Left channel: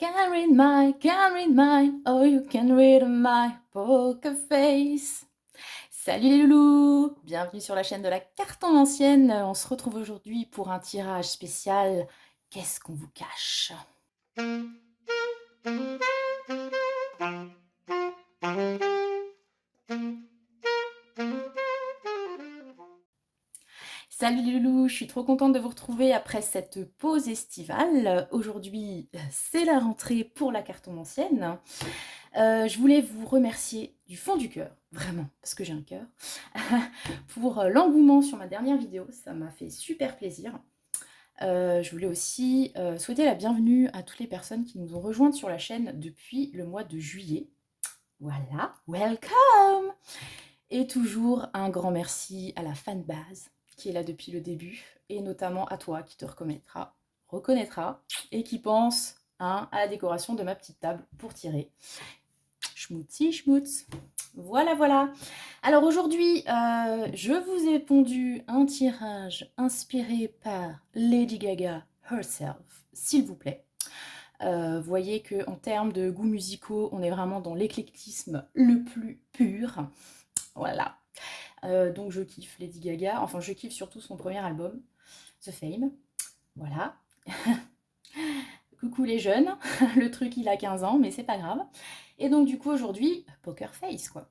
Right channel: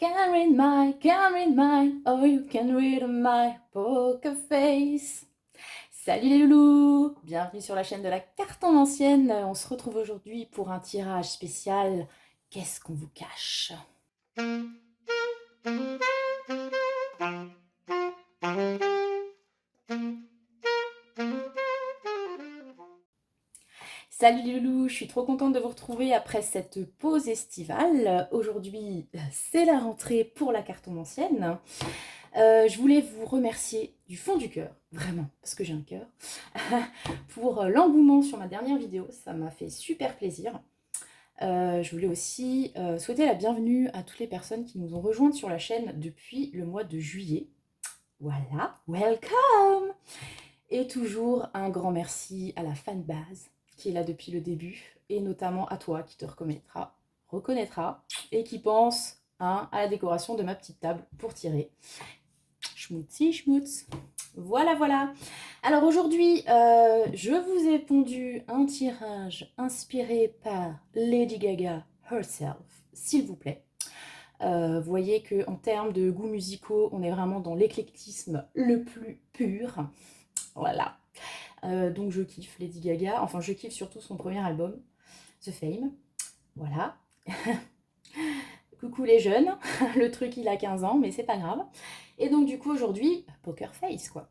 Can't read mine, oh you can read my poker face. Salut les loulous, bienvenue sur la chaîne de la carte en ancienne. On se retrouve aujourd'hui pour un tirage spécial. Qu'est-ce qu'on vous cache? Salut les loulous, je suis trop contente de vous retrouver après cette pause estivale. Aujourd'hui, c'est la rentrée pour la carte en ancienne. Je voulais vous remercier du fond du cœur, vraiment, parce que j'ai un cœur, pour l'engouement sur ma dernière vidéo. Ça m'a fait super plaisir. Je voulais aussi souhaiter la bienvenue à toutes les personnes qui nous ont rejointes sur la chaîne depuis le mois de juillet. Voilà, welcome! Et toujours un grand merci à la fanbase qui est là depuis le début, et notamment à toi qui te reconnaîtra, et qui pense à la décoration de ma petite table pour tirer. Schmutzi, schmutz. Voilà, voilà. Alors aujourd'hui, je vous ai pondu un tirage inspiré par Lady Gaga herself, s'il vous plaît. Vous voyez qu'en termes de goûts musicaux, on est vraiment dans l'éclectisme le plus pur. Voilà. Donc je kiffe Lady Gaga, enfin je kiffe surtout son premier album, The Fame. Voilà. Coucou les jeunes, le truc il a 15 ans, mais c'est pas grave. Et donc du coup aujourd'hui, Poker Face quoi.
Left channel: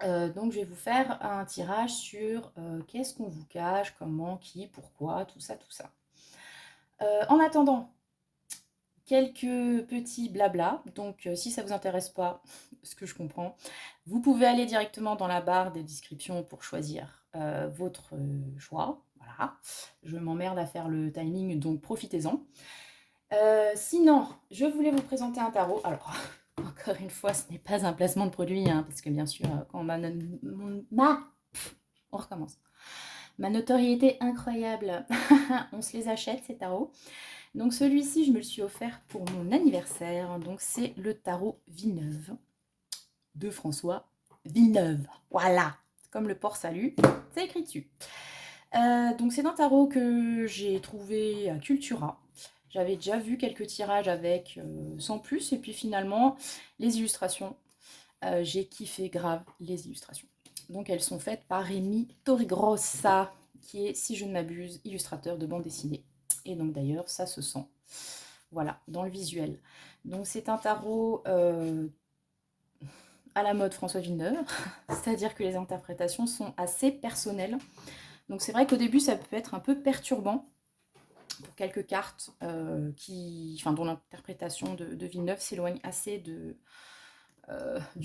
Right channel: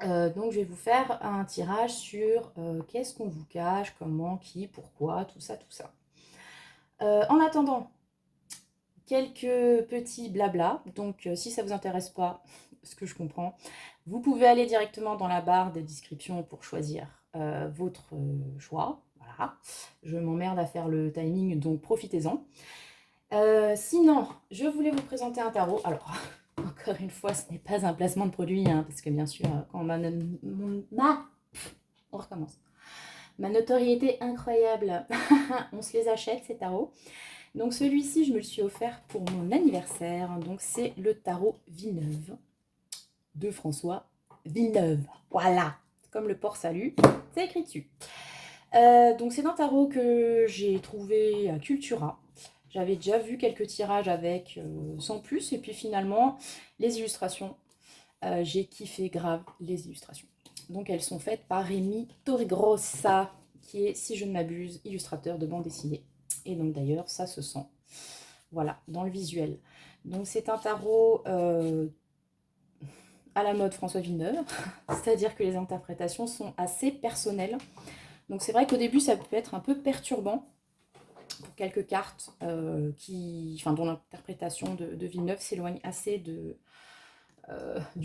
Donc je vais vous faire un tirage sur qu'est-ce qu'on vous cache, comment, qui, pourquoi, tout ça, tout ça. En attendant, quelques petits blabla, donc si ça vous intéresse pas, ce que je comprends, vous pouvez aller directement dans la barre des descriptions pour choisir votre choix. Voilà, je m'emmerde à faire le timing, donc profitez-en. Sinon, je voulais vous présenter un tarot. Alors, encore une fois, ce n'est pas un placement de produit, hein, parce que bien sûr, quand on recommence. Ma notoriété incroyable, on se les achète ces tarots. Donc celui-ci, je me le suis offert pour mon anniversaire. Donc c'est le tarot Villeneuve de François Villeneuve. Voilà, comme le port salut, c'est écrit dessus. Donc c'est un tarot que j'ai trouvé à Cultura. J'avais déjà vu quelques tirages avec, sans plus. Et puis finalement, les illustrations, j'ai kiffé grave les illustrations. Donc elles sont faites par Rémi Torregrossa, qui est, si je ne m'abuse, illustrateur de bande dessinée. Et donc d'ailleurs, ça se sent, voilà, dans le visuel. Donc c'est un tarot à la mode François Villeneuve, c'est-à-dire que les interprétations sont assez personnelles. Donc c'est vrai qu'au début, ça peut être un peu perturbant pour quelques cartes dont l'interprétation de Villeneuve s'éloigne assez du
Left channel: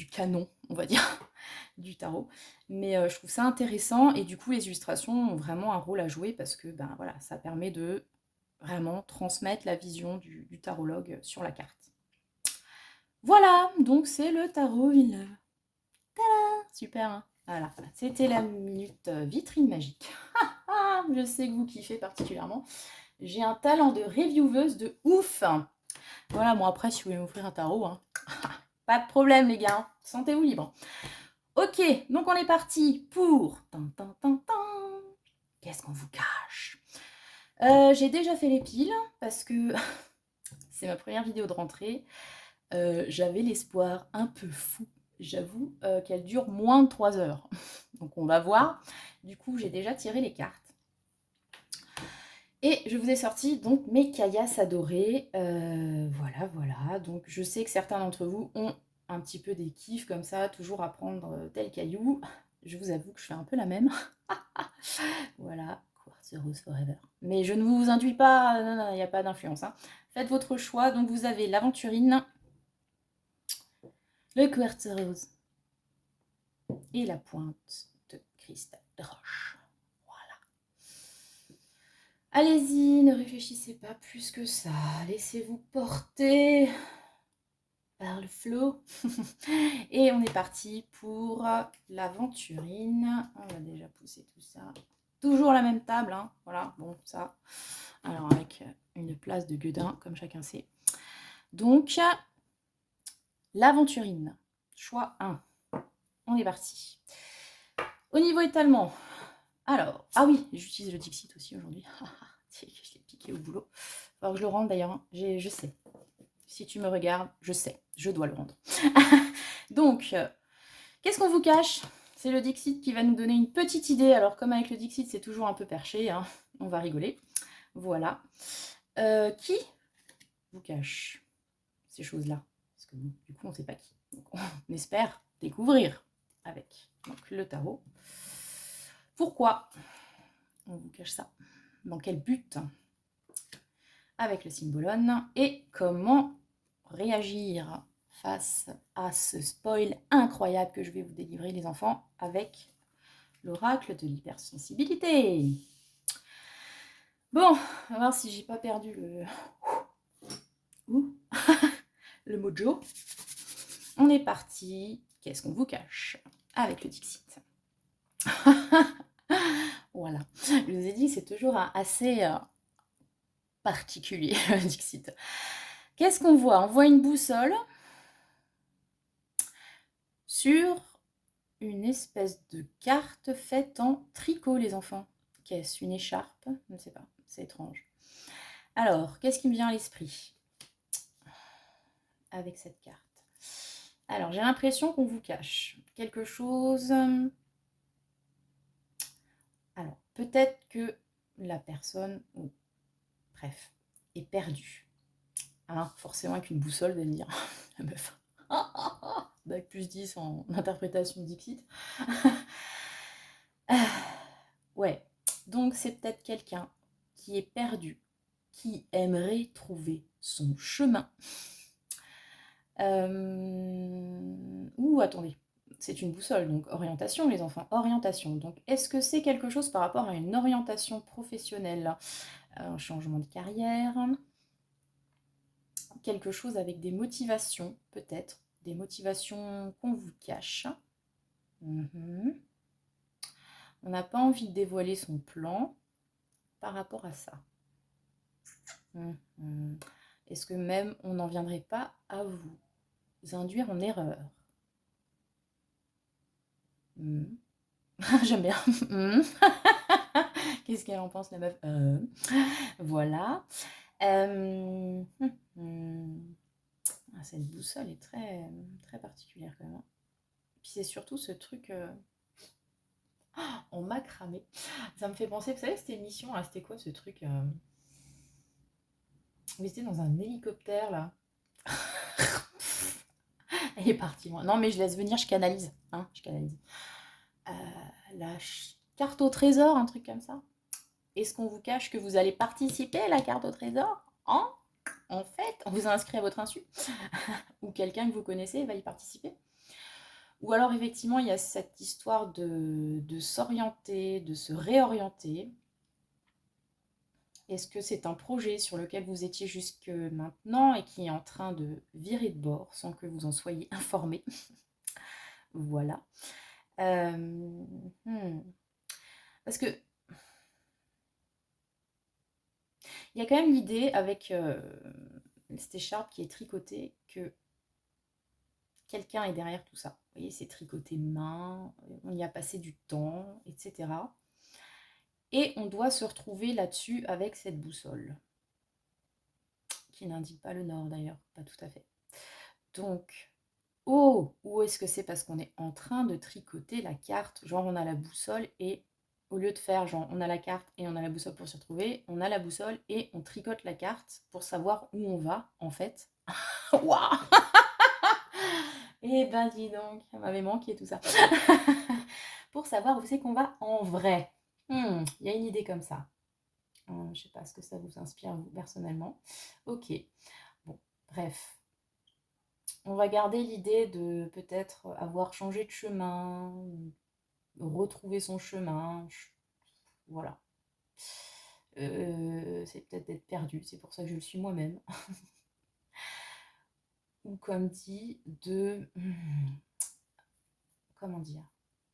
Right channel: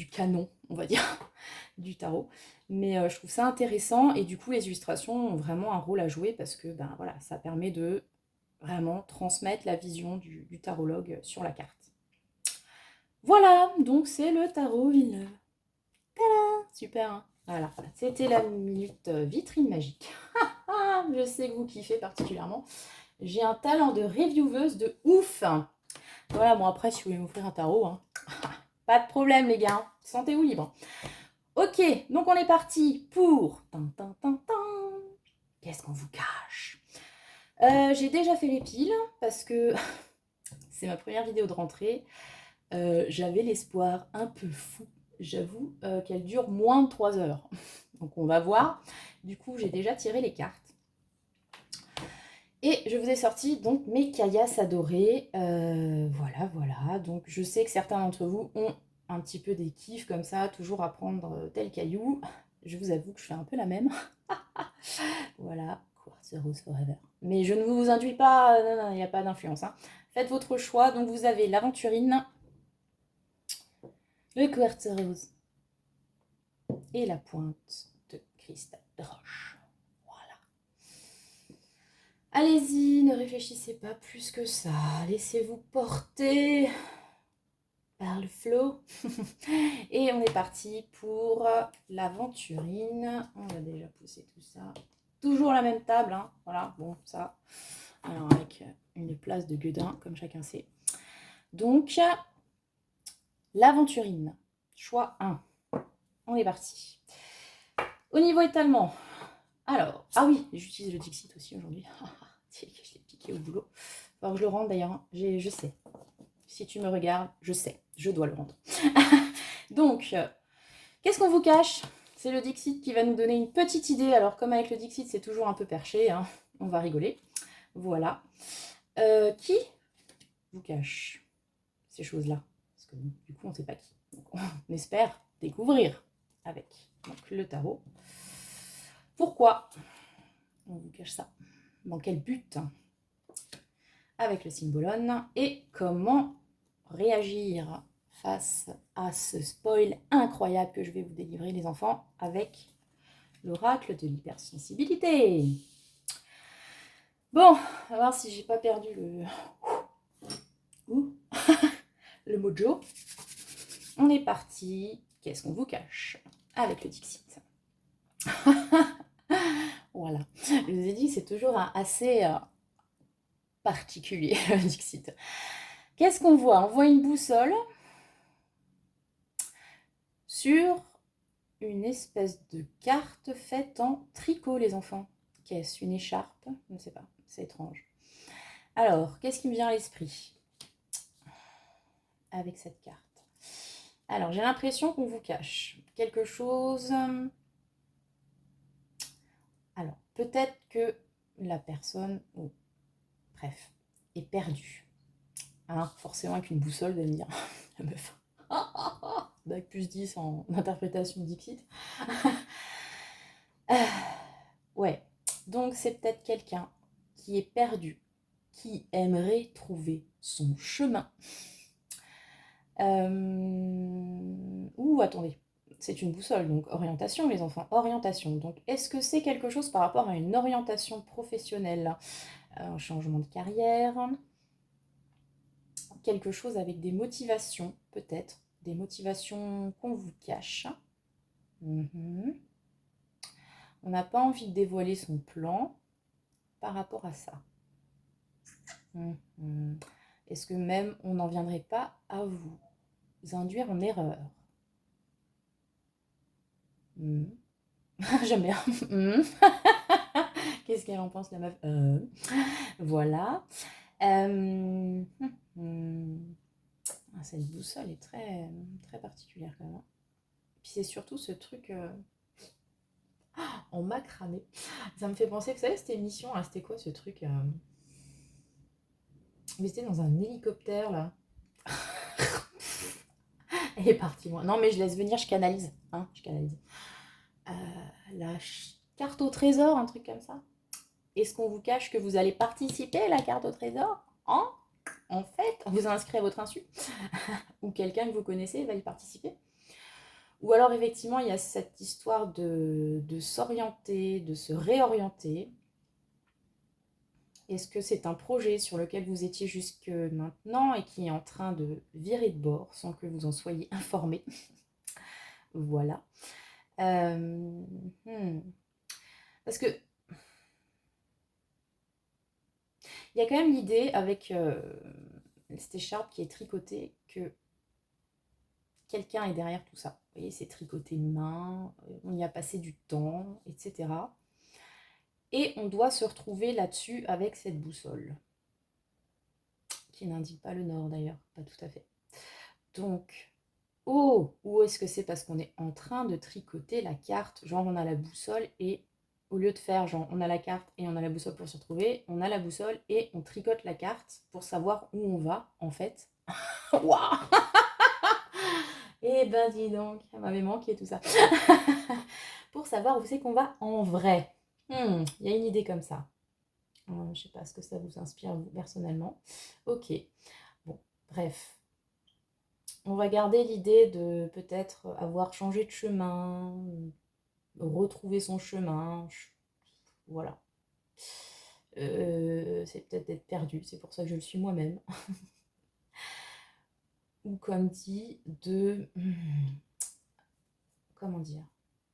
canon, on va dire, du tarot. Mais je trouve ça intéressant, et du coup les illustrations ont vraiment un rôle à jouer, parce que ben, voilà, ça permet de vraiment transmettre la vision du tarologue sur la carte. Voilà, donc c'est le tarot Villeneuve. Super, hein. Voilà, c'était la minute vitrine magique. Je sais que vous kiffez particulièrement. J'ai un talent de revieweuse de ouf. Voilà, bon après, si vous voulez m'offrir un tarot, hein, pas de problème les gars, sentez-vous libre. Ok, donc on est parti pour... Qu'est-ce qu'on vous cache? J'ai déjà fait les piles, parce que c'est ma première vidéo de rentrée. J'avais l'espoir un peu fou, j'avoue, qu'elle dure moins de 3 heures. Donc on va voir. Du coup, j'ai déjà tiré les cartes. Et je vous ai sorti donc mes caillasses adorées. Voilà, voilà. Donc je sais que certains d'entre vous ont un petit peu des kiffs comme ça, toujours à prendre tel caillou. Je vous avoue que je fais un peu la même. Voilà, Quartz Rose Forever. Mais je ne vous induis pas, non, non, il n'y a pas d'influence, hein. Faites votre choix. Donc vous avez l'aventurine, le Quartz Rose et la pointe de cristal de roche. Voilà. Allez-y, ne réfléchissez pas plus que ça. Laissez-vous porter par le flot. Et on est parti pour l'aventurine. On va déjà pousser tout ça. Toujours la même table, hein. Voilà, bon, ça. Alors, avec une place de gueudin, comme chacun sait. Donc, l'aventurine. Choix 1. On est parti. Au niveau étalement, alors, ah oui, j'utilise le Dixit aussi aujourd'hui. Je l'ai piqué au boulot. Alors, je le rentre d'ailleurs, je sais. Si tu me regardes, je sais, je dois le rendre. Donc, qu'est-ce qu'on vous cache? C'est le Dixit qui va nous donner une petite idée. Alors, comme avec le Dixit, c'est toujours un peu perché, hein, on va rigoler. Voilà. Qui vous cache ces choses-là? Parce que du coup, on ne sait pas qui. Donc, on espère découvrir avec donc, le tarot. Pourquoi on vous cache ça? Dans quel but? Avec le symbolone. Et comment réagir face à ce spoil incroyable que je vais vous délivrer, les enfants, avec l'oracle de l'hypersensibilité. Bon, on va voir si j'ai pas perdu le mojo. On est parti. Qu'est-ce qu'on vous cache? Avec le Dixit. Voilà. Je vous ai dit, c'est toujours assez particulier, le Dixit. Qu'est-ce qu'on voit? On voit une boussole sur une espèce de carte faite en tricot, les enfants. Qu'est-ce? Une écharpe? Je ne sais pas, c'est étrange. Alors, qu'est-ce qui me vient à l'esprit avec cette carte? Alors, j'ai l'impression qu'on vous cache quelque chose. Alors, peut-être que la personne, bref, est perdue. Hein, forcément, avec une boussole, de me dire, la meuf. Bac plus 10 en interprétation de Dixit. Ouais, donc c'est peut-être quelqu'un qui est perdu, qui aimerait trouver son chemin. Ouh, attendez, c'est une boussole, donc orientation, les enfants, orientation. Donc, est-ce que c'est quelque chose par rapport à une orientation professionnelle? Un changement de carrière, quelque chose avec des motivations, peut-être, des motivations qu'on vous cache. On n'a pas envie de dévoiler son plan par rapport à ça. Est-ce que même on n'en viendrait pas à vous induire en erreur? J'aime bien. Qu'est-ce qu'elle en pense, la meuf? Voilà. Cette boussole est très, très particulière quand même. Puis c'est surtout ce truc en macramé. Ça me fait penser, vous savez, cette émission, là, c'était quoi ce truc mais c'était dans un hélicoptère, là. Elle est partie loin. Non, mais je laisse venir, je canalise. Hein, je canalise. La carte au trésor, un truc comme ça. Est-ce qu'on vous cache que vous allez participer à la carte au trésor? Hein? En fait, on vous a inscrit à votre insu. Ou quelqu'un que vous connaissez va y participer. Ou alors, effectivement, il y a cette histoire de s'orienter, de se réorienter. Est-ce que c'est un projet sur lequel vous étiez jusque maintenant et qui est en train de virer de bord sans que vous en soyez informé? Voilà. Parce que il y a quand même l'idée avec cette écharpe qui est tricotée que quelqu'un est derrière tout ça. Vous voyez, c'est tricoté main, on y a passé du temps, etc. Et on doit se retrouver là-dessus avec cette boussole, qui n'indique pas le nord d'ailleurs, pas tout à fait. Donc, ou est-ce que c'est parce qu'on est en train de tricoter la carte, genre on a la boussole et au lieu de faire genre on a la carte et on a la boussole pour se retrouver, on a la boussole et on tricote la carte pour savoir où on va en fait. Waouh! Eh ben dis donc, ça m'avait manqué tout ça. Pour savoir où c'est qu'on va en vrai. Il y a une idée comme ça. Je sais pas ce que ça vous inspire vous personnellement. Ok. Bon, bref. On va garder l'idée de peut-être avoir changé de chemin, retrouver son chemin. Voilà. C'est peut-être être perdu, c'est pour ça que je le suis moi-même. Ou comme dit, comment dire?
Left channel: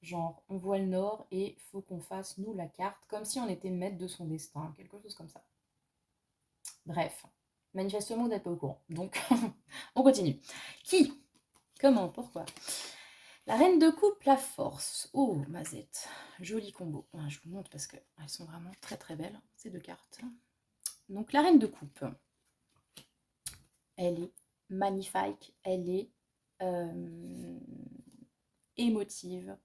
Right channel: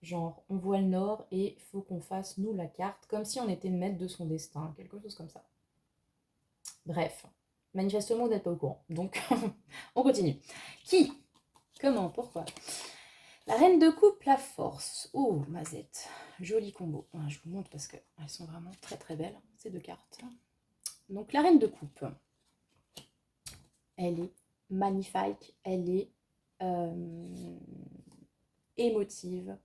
Genre, on voit le nord et il faut qu'on fasse, nous, la carte, comme si on était maître de son destin, quelque chose comme ça. Bref, manifestement, vous n'êtes pas au courant. Donc, on continue. Qui? Comment? Pourquoi? La reine de coupe, la force. Oh, mazette. Joli combo. Je vous montre parce qu'elles sont vraiment très très belles, ces deux cartes. Donc, la reine de coupe, elle est magnifique, elle est émotive.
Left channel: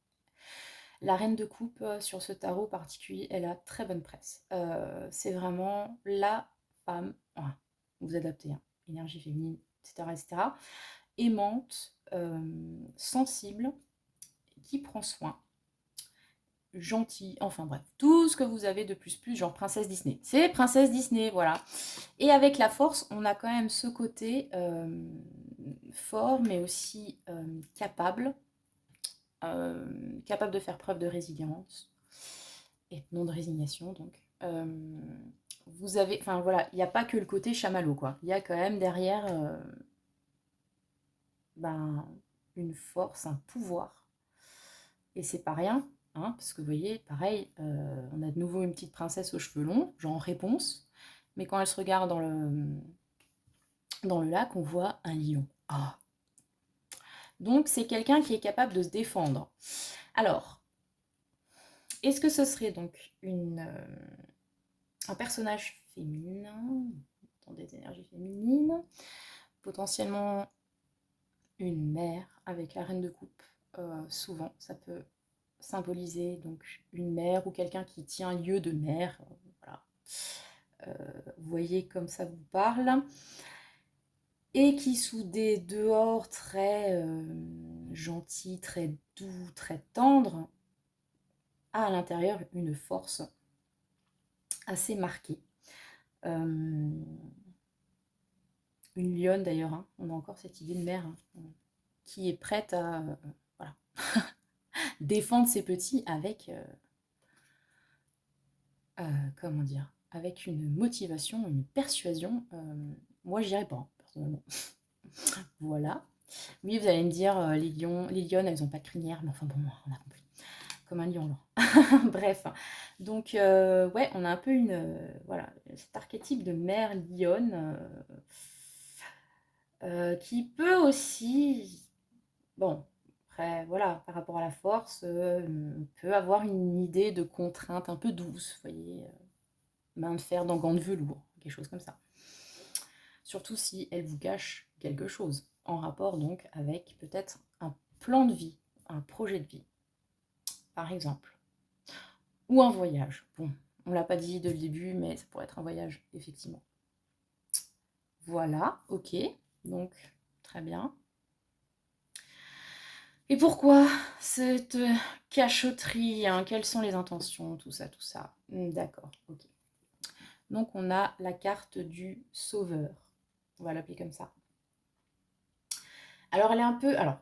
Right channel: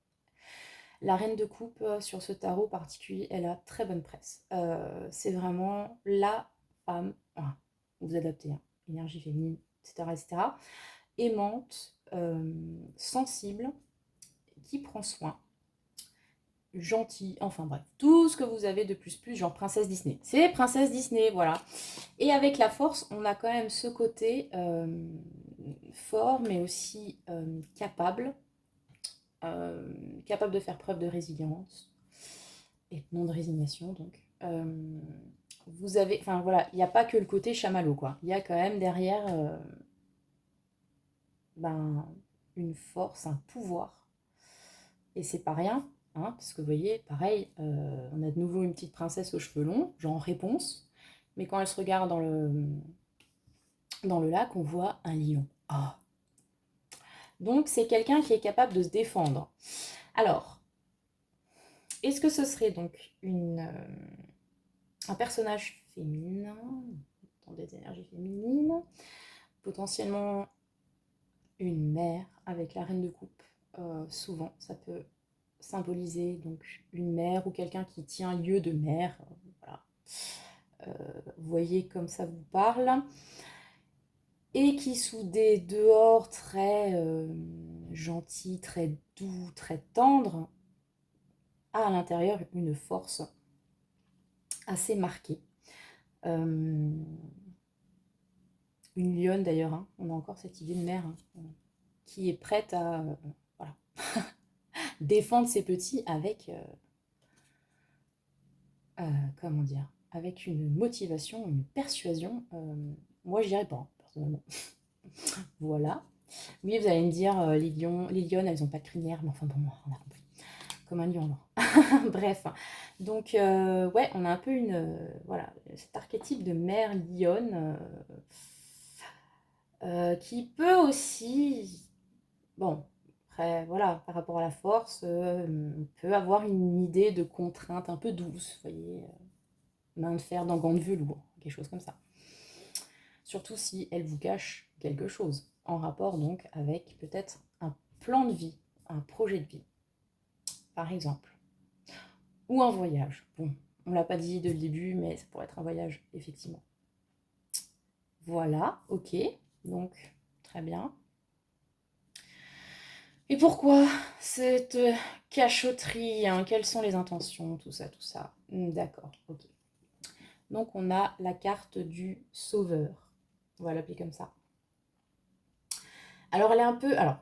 La reine de coupe sur ce tarot particulier, elle a très bonne presse. C'est vraiment la femme, vous adaptez, hein, énergie féminine, etc., etc., aimante, sensible, qui prend soin, gentille, enfin bref, tout ce que vous avez de plus, genre princesse Disney. C'est princesse Disney, voilà. Et avec la force, on a quand même ce côté fort, mais aussi capable de faire preuve de résilience et non de résignation, donc. Vous avez, enfin voilà, il n'y a pas que le côté chamallow, quoi. Il y a quand même derrière une force, un pouvoir. Et c'est pas rien, hein, parce que vous voyez, pareil, on a de nouveau une petite princesse aux cheveux longs, genre en réponse, mais quand elle se regarde dans le lac, on voit un lion. Oh. Donc c'est quelqu'un qui est capable de se défendre. Alors, est-ce que ce serait donc un personnage féminin, dans des énergies féminines, potentiellement une mère avec la reine de coupe? Souvent, ça peut symboliser donc une mère ou quelqu'un qui tient lieu de mère. Voilà. Vous voyez comme ça vous parle. Et qui sous des dehors très gentils, très doux, très tendres, a à l'intérieur une force assez marquée. Une lionne d'ailleurs, hein. On a encore cette idée de mère, hein, qui est prête à voilà, défendre ses petits avec, comment dire, avec une motivation, une persuasion. Moi, je dirais pas, hein, personnellement. Voilà. Oui, vous allez me dire, les lionnes, elles n'ont pas de crinière, mais enfin bon, on a compris. Comme un lion, non. Bref. Donc, ouais, on a un peu voilà, cet archétype de mère lionne qui peut aussi, bon, après, voilà, par rapport à la force, peut avoir une idée de contrainte un peu douce, vous voyez, main de fer dans gants de velours, quelque chose comme ça. Surtout si elle vous cache quelque chose, en rapport donc avec peut-être un plan de vie, un projet de vie, par exemple. Ou un voyage. Bon, on ne l'a pas dit dès le début, mais ça pourrait être un voyage, effectivement. Voilà, ok, donc très bien. Et pourquoi cette cachotterie, hein? Quelles sont les intentions, tout ça, tout ça. D'accord, ok. Donc on a la carte du sauveur, on va l'appeler comme ça. Alors elle est un peu... Alors,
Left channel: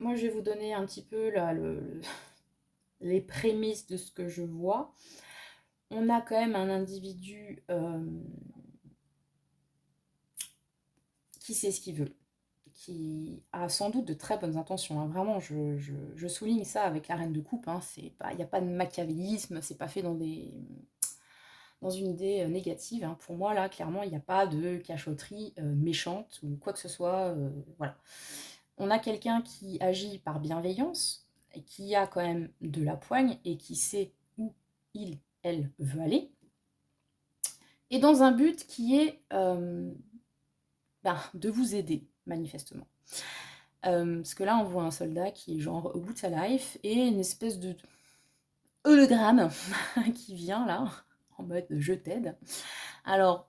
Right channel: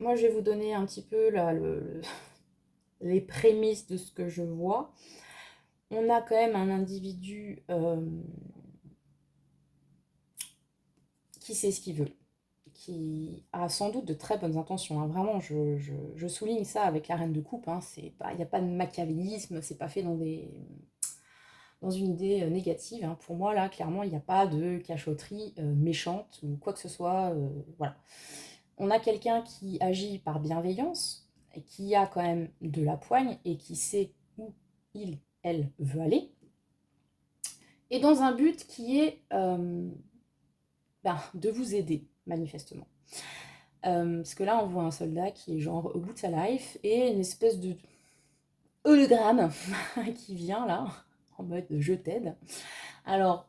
moi je vais vous donner un petit peu là, les prémices de ce que je vois. On a quand même un individu qui sait ce qu'il veut, qui a sans doute de très bonnes intentions, hein. Vraiment, je souligne ça avec la reine de coupe, hein. Il n'y a pas de machiavélisme, c'est pas fait dans une idée négative, hein. Pour moi, là, clairement, il n'y a pas de cachotterie méchante ou quoi que ce soit. Voilà. On a quelqu'un qui agit par bienveillance, et qui a quand même de la poigne et qui sait où elle veut aller, et dans un but qui est de vous aider, manifestement. Parce que là, on voit un soldat qui est genre au bout de sa life, et une espèce de hologramme qui vient là, en mode je t'aide. Alors,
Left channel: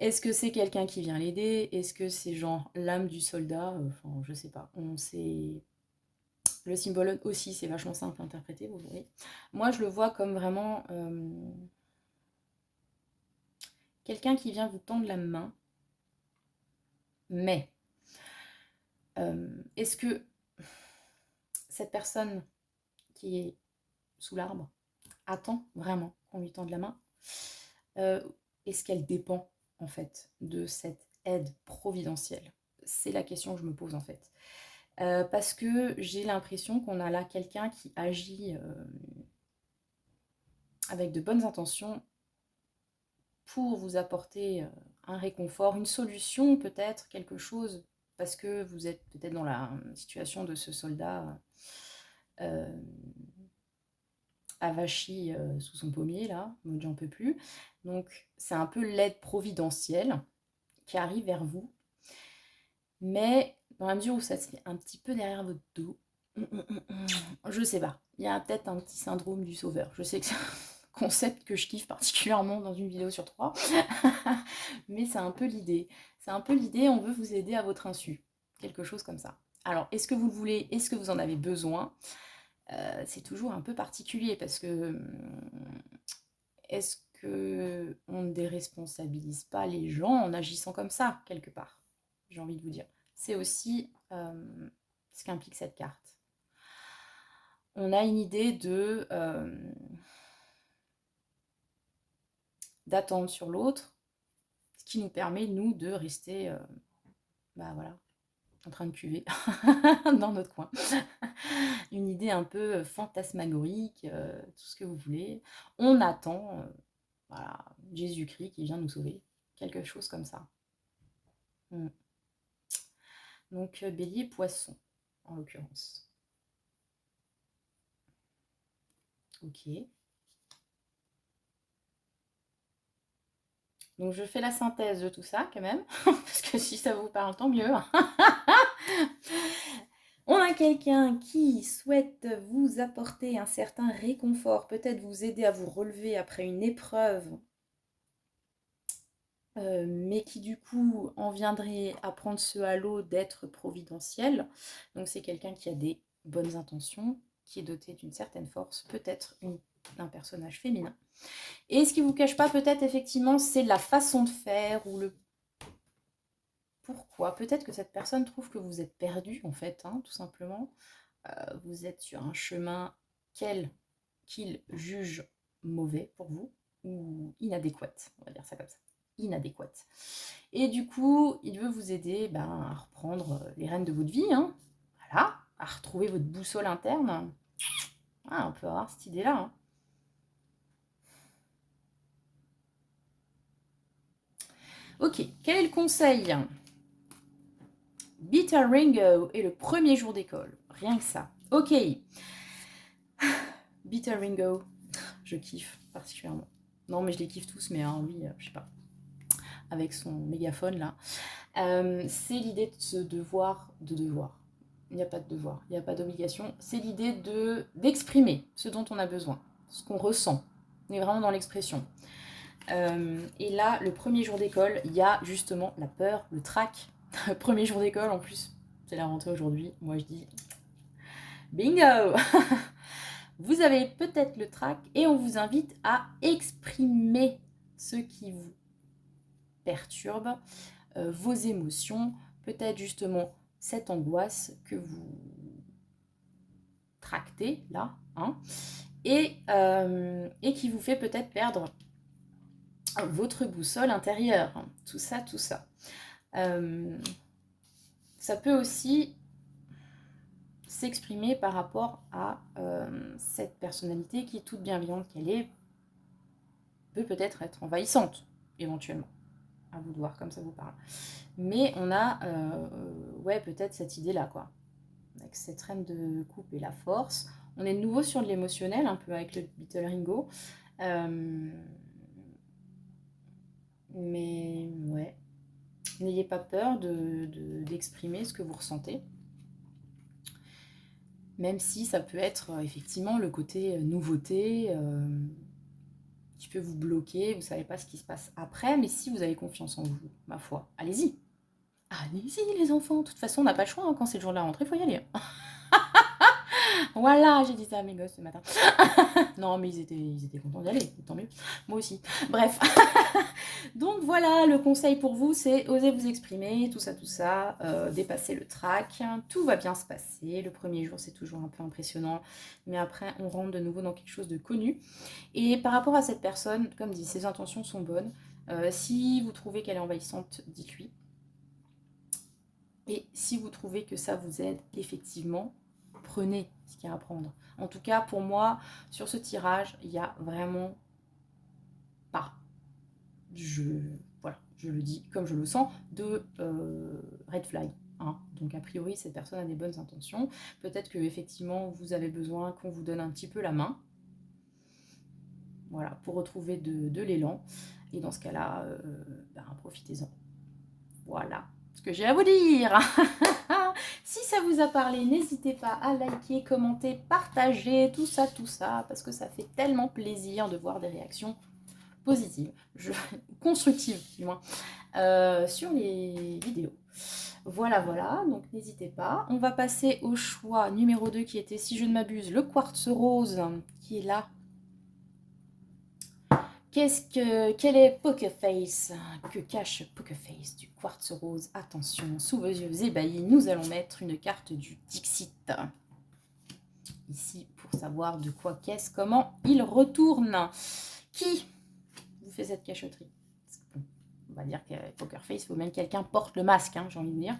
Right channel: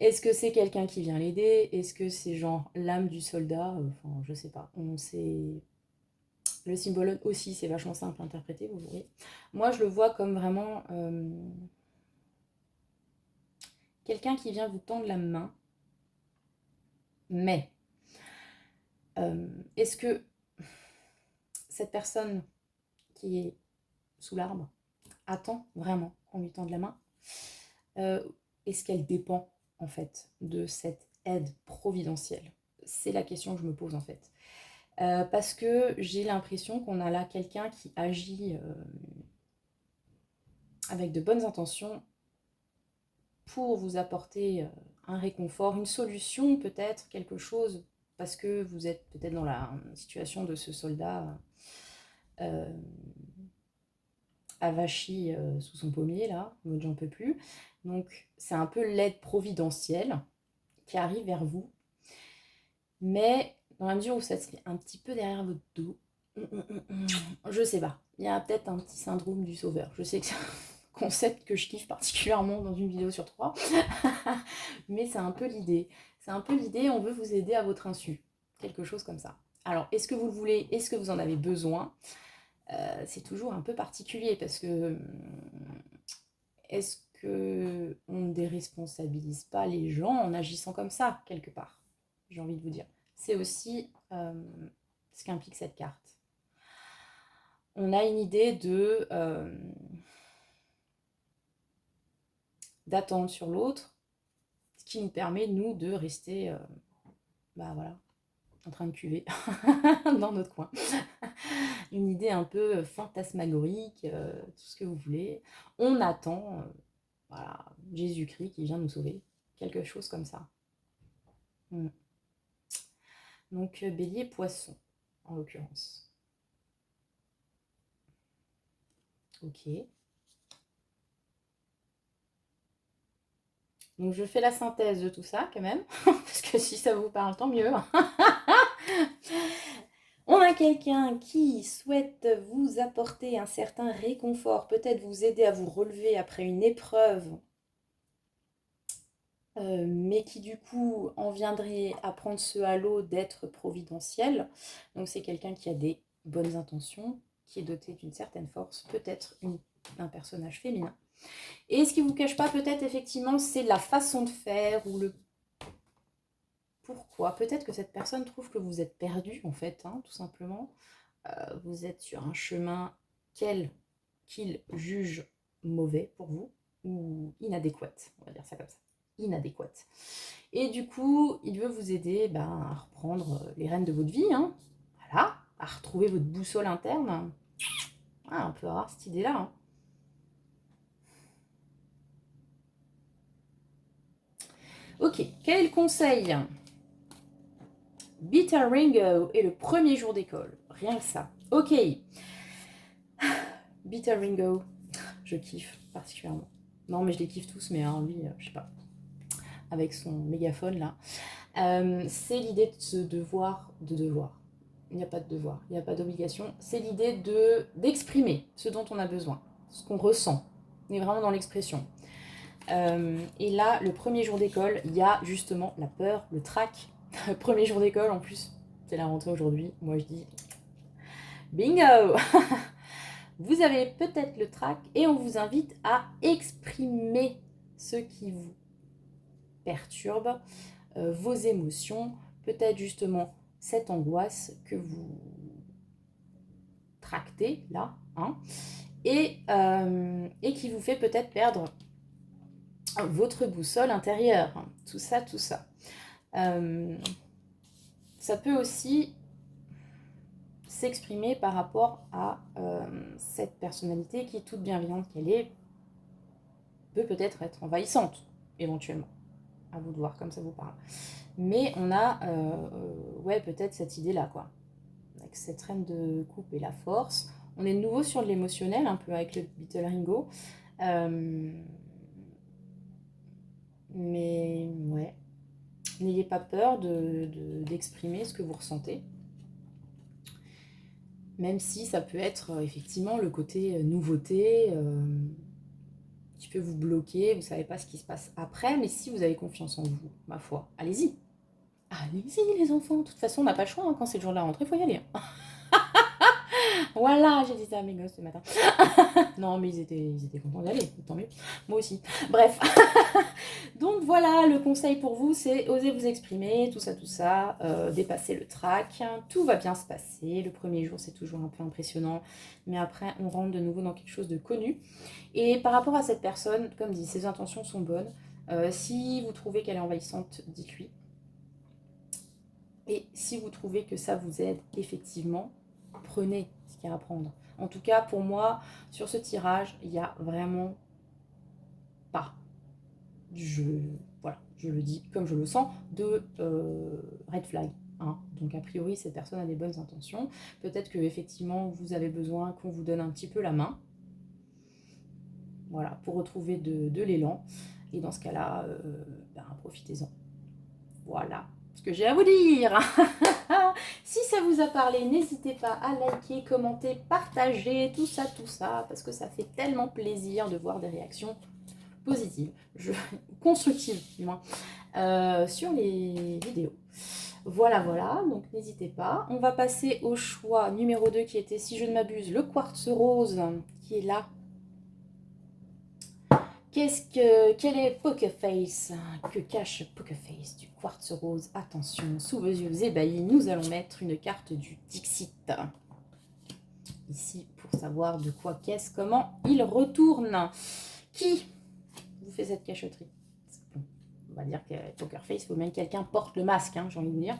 est-ce que c'est quelqu'un qui vient l'aider? Est-ce que c'est genre l'âme du soldat? Enfin, je sais pas. Le symbole aussi, c'est vachement simple à interpréter, vous voyez. Moi, je le vois comme vraiment quelqu'un qui vient vous tendre la main, mais est-ce que cette personne qui est sous l'arbre attend vraiment qu'on lui tende la main? Est-ce qu'elle dépend en fait de cette aide providentielle? C'est la question que je me pose en fait. Parce que j'ai l'impression qu'on a là quelqu'un qui agit avec de bonnes intentions pour vous apporter un réconfort, une solution peut-être, quelque chose, parce que vous êtes peut-être dans la situation de ce soldat avachi sous son pommier, là, mode j'en peux plus. Donc c'est un peu l'aide providentielle qui arrive vers vous. mais dans la mesure où ça se fait un petit peu derrière votre dos, je sais pas, il y a peut-être un petit syndrome du sauveur. Je sais que c'est un concept que je kiffe particulièrement dans une vidéo sur 3, mais c'est un peu l'idée. C'est un peu l'idée, on veut vous aider à votre insu, quelque chose comme ça. Alors, est-ce que vous le voulez? Est-ce que vous en avez besoin? C'est toujours un peu particulier parce que est-ce qu'on ne déresponsabilise pas les gens en agissant comme ça, quelque part? J'ai envie de vous dire. C'est aussi ce qu'implique cette carte. On a une idée d'attente sur l'autre, ce qui nous permet, nous, de rester voilà, en train de cuver dans notre coin. Une idée un peu fantasmagorique, tout ce que vous voulez. On attend voilà, Jésus-Christ qui vient nous sauver, quelque chose comme ça. Donc bélier, poisson, en l'occurrence. Ok. Donc je fais la synthèse de tout ça quand même, parce que si ça vous parle, tant mieux. On a quelqu'un qui souhaite vous apporter un certain réconfort, peut-être vous aider à vous relever après une épreuve, mais qui du coup en viendrait à prendre ce halo d'être providentiel. Donc c'est quelqu'un qui a des bonnes intentions, qui est doté d'une certaine force, peut-être un personnage féminin. Et ce qui ne vous cache pas peut-être effectivement, c'est la façon de faire ou le pourquoi. Peut-être que cette personne trouve que vous êtes perdu en fait, hein, tout simplement. Vous êtes sur un chemin qu'il juge mauvais pour vous ou inadéquat, on va dire ça comme ça, inadéquat. Et du coup, il veut vous aider à reprendre les rênes de votre vie, hein, voilà, à retrouver votre boussole interne. Ah, on peut avoir cette idée-là. Hein. Ok, quel est le conseil? Bitter Ringo est le premier jour d'école, rien que ça. Ok, Bitter Ringo, je kiffe particulièrement. Non, mais je les kiffe tous, mais hein, lui, je sais pas, avec son mégaphone là. C'est l'idée de ce devoir. Il n'y a pas de devoir, il n'y a pas d'obligation. C'est l'idée d'exprimer ce dont on a besoin, ce qu'on ressent. On est vraiment dans l'expression. Et là, le premier jour d'école, il y a justement la peur, le trac. Premier jour d'école, en plus, c'est la rentrée aujourd'hui. Moi, je dis bingo. Vous avez peut-être le trac et on vous invite à exprimer ce qui vous perturbe, vos émotions, peut-être justement cette angoisse que vous tractez là, hein, et qui vous fait peut-être perdre votre boussole intérieure. Tout ça, tout ça. Ça peut aussi s'exprimer par rapport à cette personnalité qui, toute bienveillante qu'elle est, peut peut-être être envahissante, éventuellement. À vous de voir comme ça vous parle. Mais on a, ouais, peut-être cette idée-là, quoi. Avec cette reine de coupe et la force. On est de nouveau sur l'émotionnel, un peu avec le Bitter Ringo. Mais, ouais. N'ayez pas peur d'exprimer ce que vous ressentez. Même si ça peut être effectivement le côté nouveauté qui peut vous bloquer, vous ne savez pas ce qui se passe après, mais si vous avez confiance en vous, ma foi, allez-y. Allez-y les enfants, de toute façon on n'a pas le choix, hein, quand c'est le jour de la rentrée, il faut y aller. Voilà, j'ai dit ça à mes gosses ce matin. Non mais ils étaient contents d'y aller, tant mieux. Moi aussi. Bref. Donc voilà, le conseil pour vous, c'est oser vous exprimer, tout ça, dépasser le trac. Tout va bien se passer. Le premier jour, c'est toujours un peu impressionnant. Mais après, on rentre de nouveau dans quelque chose de connu. Et par rapport à cette personne, comme dit, ses intentions sont bonnes. Si vous trouvez qu'elle est envahissante, dites-lui. Et si vous trouvez que ça vous aide, effectivement, prenez ce qu'il y a à prendre. En tout cas, pour moi, sur ce tirage, il n'y a vraiment pas, voilà, je le dis comme je le sens, de red flag. Hein. Donc a priori, cette personne a des bonnes intentions. Peut-être que effectivement, vous avez besoin qu'on vous donne un petit peu la main. Voilà, pour retrouver de l'élan. Et dans ce cas-là, profitez-en. Voilà ce que j'ai à vous dire. Si ça vous a parlé, n'hésitez pas à liker, commenter, partager, tout ça, parce que ça fait tellement plaisir de voir des réactions positives, constructives du moins, sur les vidéos. Voilà, donc n'hésitez pas. On va passer au choix numéro 2 qui était, si je ne m'abuse, le quartz rose, qui est là. Quel est Poker Face? Que cache Poker Face du quartz rose? Attention, sous vos yeux ébahis, nous allons mettre une carte du Dixit. Ici, pour savoir de quoi, qu'est-ce, comment il retourne. Qui vous fait cette cachotterie? Bon, on va dire que Poker Face, il faut même que quelqu'un porte le masque, hein, j'ai envie de vous dire.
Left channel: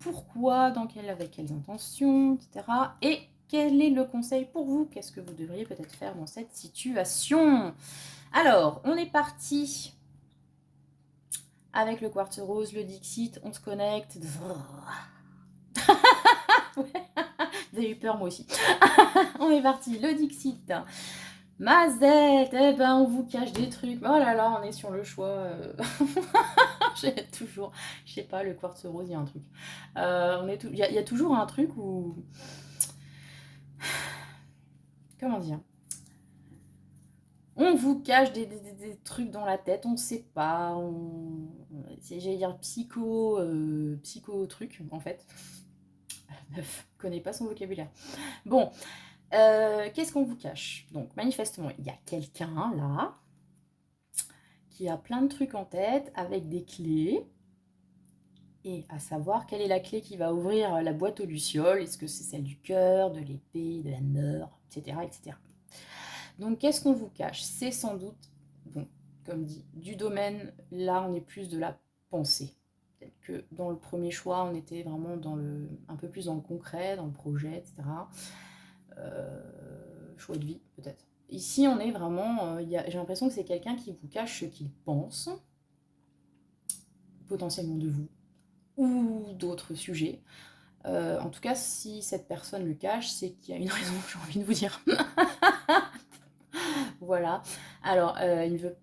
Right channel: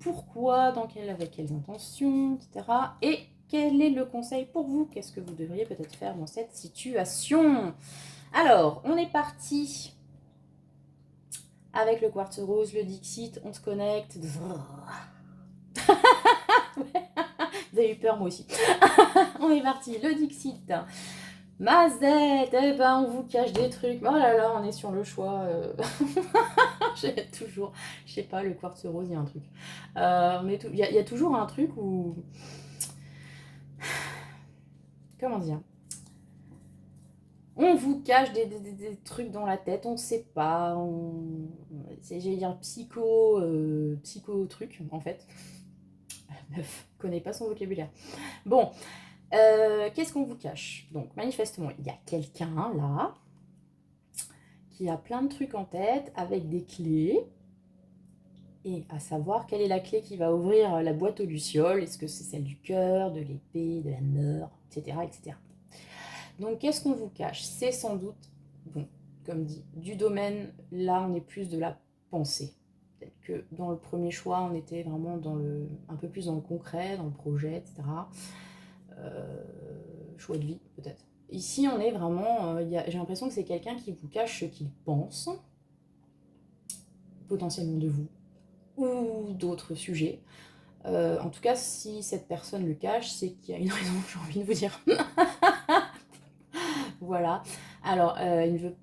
Pourquoi, avec quelles intentions, etc. Et quel est le conseil pour vous? Qu'est-ce que vous devriez peut-être faire dans cette situation? Alors, on est parti avec le quartz rose, le Dixit, on se connecte. Vous avez eu peur, moi aussi. On est parti, le Dixit. Mazette, eh ben on vous cache des trucs. Oh là là, on est sur le choix. J'ai toujours, je sais pas, le quartz rose, il y a un truc. Il y a toujours un truc où... Comment dire? On vous cache des trucs dans la tête, on ne sait pas. J'allais dire psycho truc, en fait. Meuf, connaît pas son vocabulaire. Bon, qu'est-ce qu'on vous cache? Donc, manifestement, il y a quelqu'un là qui a plein de trucs en tête avec des clés. Et à savoir quelle est la clé qui va ouvrir la boîte aux lucioles. Est-ce que c'est celle du cœur, de l'épée, de la mort, etc. etc. Donc, qu'est-ce qu'on vous cache? C'est sans doute, bon, comme dit, du domaine, là, on est plus de la pensée. Peut-être que dans le premier choix, on était vraiment un peu plus dans le concret, dans le projet, etc. Choix de vie, peut-être. Ici, on est vraiment, j'ai l'impression que c'est quelqu'un qui vous cache ce qu'il pense, potentiellement de vous, ou d'autres sujets. En tout cas, si cette personne le cache, c'est qu'il y a une raison, j'ai envie de vous dire. Voilà. Alors, elle,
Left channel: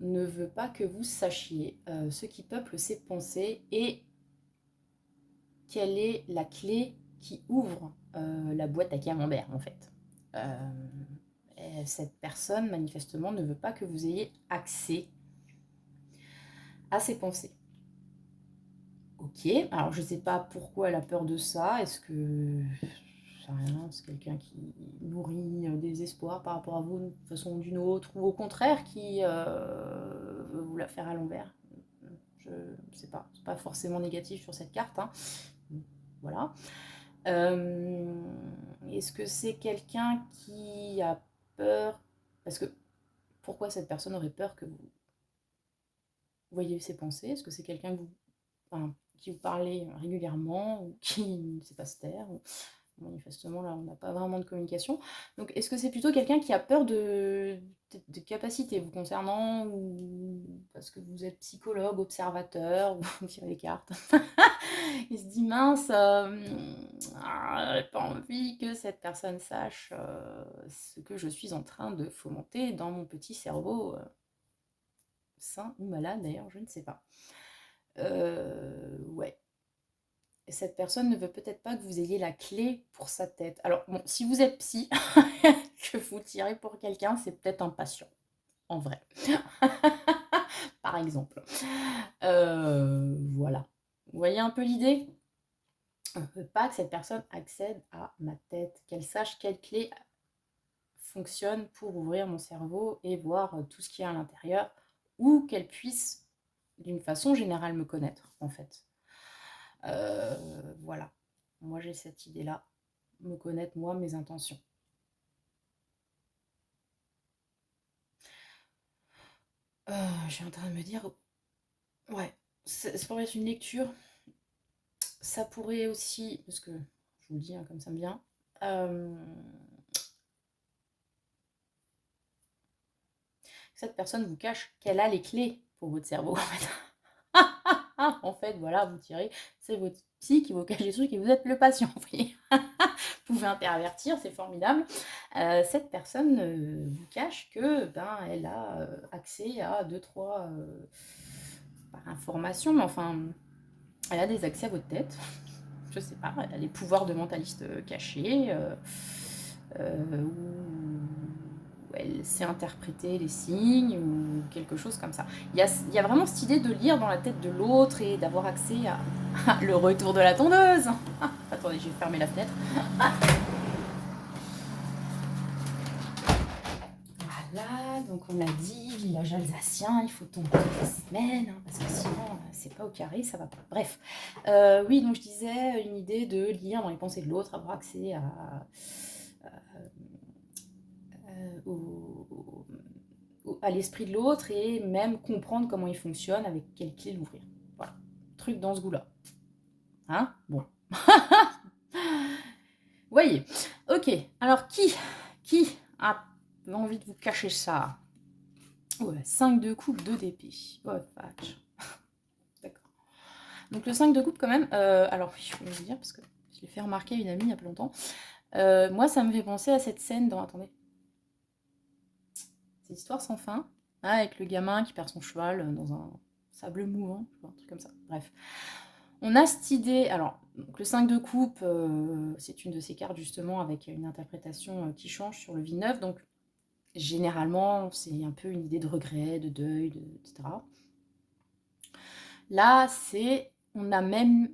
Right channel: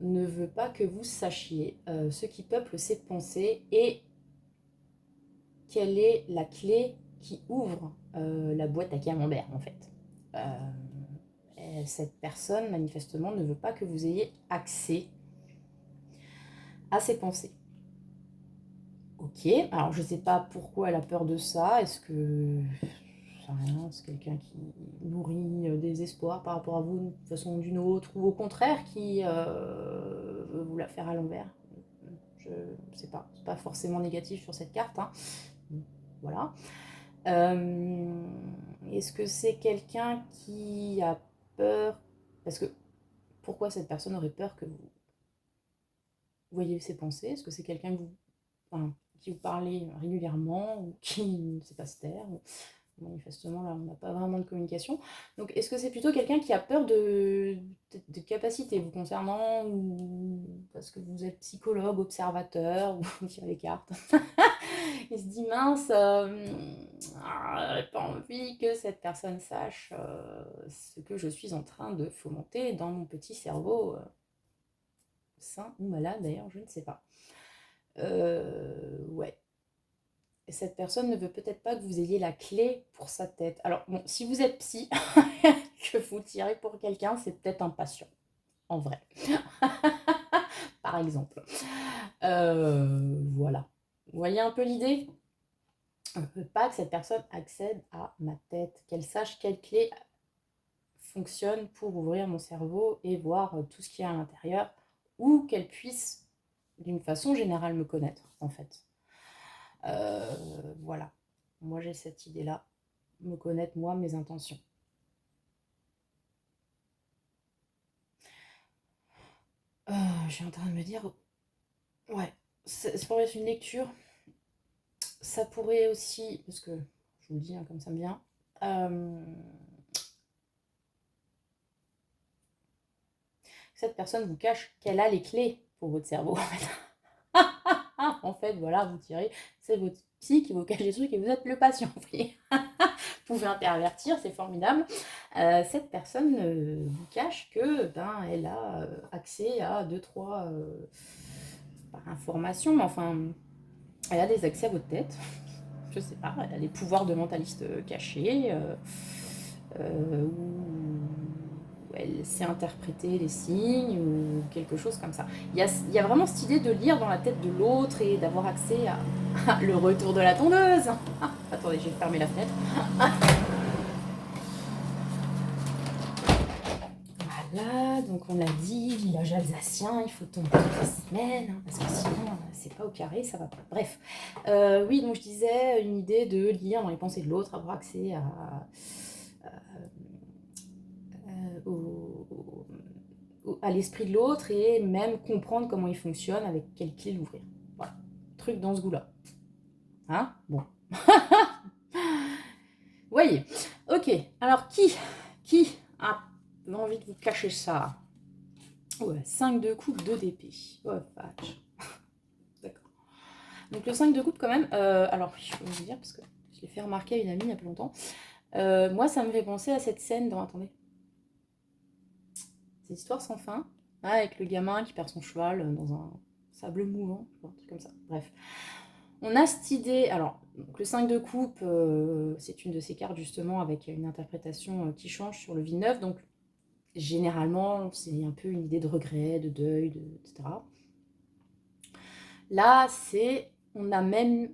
ne veut pas que vous sachiez ce qui peuple ses pensées et quelle est la clé qui ouvre la boîte à camembert, en fait. Cette personne, manifestement, ne veut pas que vous ayez accès à ses pensées. Ok, alors je ne sais pas pourquoi elle a peur de ça. Est-ce que c'est quelqu'un qui nourrit des espoirs par rapport à vous d'une façon ou d'une autre, ou au contraire qui veut vous la faire à l'envers? Je ne sais pas, c'est pas forcément négatif sur cette carte, hein. Voilà. Est-ce que c'est quelqu'un qui a peur? Parce que pourquoi cette personne aurait peur que vous voyez ses pensées? Est-ce que c'est quelqu'un que qui vous parlez régulièrement ou qui ne sait pas se taire? Manifestement, là, on n'a pas vraiment de communication. Donc, est-ce que c'est plutôt quelqu'un qui a peur de capacités vous concernant, ou parce que vous êtes psychologue, observateur, ou vous tirez les cartes? Il se dit, mince, j'aurais pas envie que cette personne sache ce que je suis en train de fomenter dans mon petit cerveau, sain ou malade d'ailleurs, je ne sais pas. Ouais. Cette personne ne veut peut-être pas que vous ayez la clé pour sa tête. Alors, bon, si vous êtes psy, que vous tirez pour quelqu'un, c'est peut-être un patient, en vrai. Par exemple. Voilà. Vous voyez un peu l'idée? On ne veut pas que cette personne accède à ma tête, qu'elle sache quelle clé fonctionne pour ouvrir mon cerveau et voir tout ce qu'il y a à l'intérieur, ou qu'elle puisse, d'une façon générale, me connaître, en fait. Voilà. Moi, j'ai cette idée-là. Me connaître, moi, mes intentions. Je suis en train de me dire... Ouais, ça pourrait être une lecture. Ça pourrait aussi... Parce que, je vous le dis, hein, comme ça me vient... cette personne vous cache qu'elle a les clés pour votre cerveau, en fait. En fait, voilà, vous tirez, c'est votre psy qui vous cache des trucs et vous êtes le patient. Vous pouvez intervertir, c'est formidable. Cette personne vous cache que elle a accès à 2-3 par information, mais enfin, elle a des accès à votre tête. Je sais pas, elle a les pouvoirs de mentaliste cachés, ou elle sait interpréter les signes, ou quelque chose comme ça. Il y a vraiment cette idée de lire dans la tête de l'autre et d'avoir accès à le retour de la tondeuse. Attendez, j'ai fermé la fenêtre. Voilà, donc on l'a dit, village alsacien, il faut tomber toutes les semaines, hein, parce que sinon c'est pas au carré, ça va pas. Bref, oui, donc je disais une idée de lire dans les pensées de l'autre, avoir accès à l'esprit de l'autre et même comprendre comment il fonctionne, avec quelle clé l'ouvrir. Voilà, truc dans ce goût-là. Hein? Bon. Voyez. Ok, alors qui a envie de vous cacher ça? Ouais, 5 de coupe, 2 d'épée. Oh, vache. D'accord. Donc le 5 de coupe quand même, alors je peux vous dire, parce que je l'ai fait remarquer à une amie il y a pas longtemps, moi ça me fait penser à cette scène dans, attendez, cette histoire sans fin, hein, avec le gamin qui perd son cheval dans un sable mouvant, un truc comme ça, bref. On a cette idée, alors donc le 5 de coupe, c'est une de ces cartes justement avec une interprétation qui change sur le vide-neuf, donc généralement c'est un peu une idée de regret, de deuil, etc. Là, on a même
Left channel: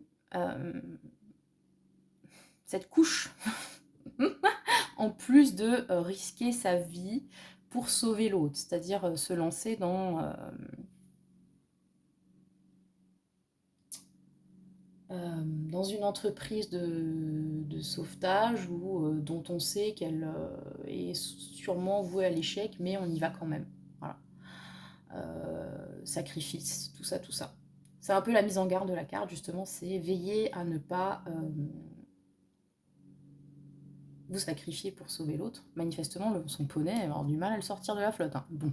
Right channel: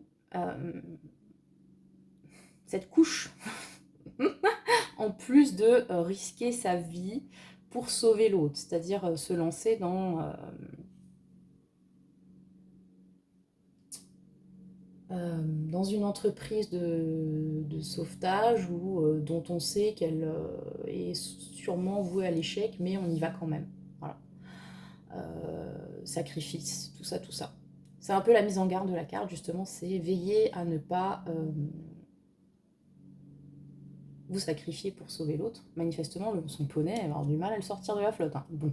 cette couche, en plus de risquer sa vie pour sauver l'autre, c'est-à-dire se lancer dans une entreprise de sauvetage dont on sait qu'elle est sûrement vouée à l'échec, mais on y va quand même. Voilà. Sacrifice, tout ça, tout ça. C'est un peu la mise en garde de la carte, justement, c'est veiller à ne pas vous sacrifier pour sauver l'autre. Manifestement, son poney va avoir du mal à le sortir de la flotte. Hein. Bon.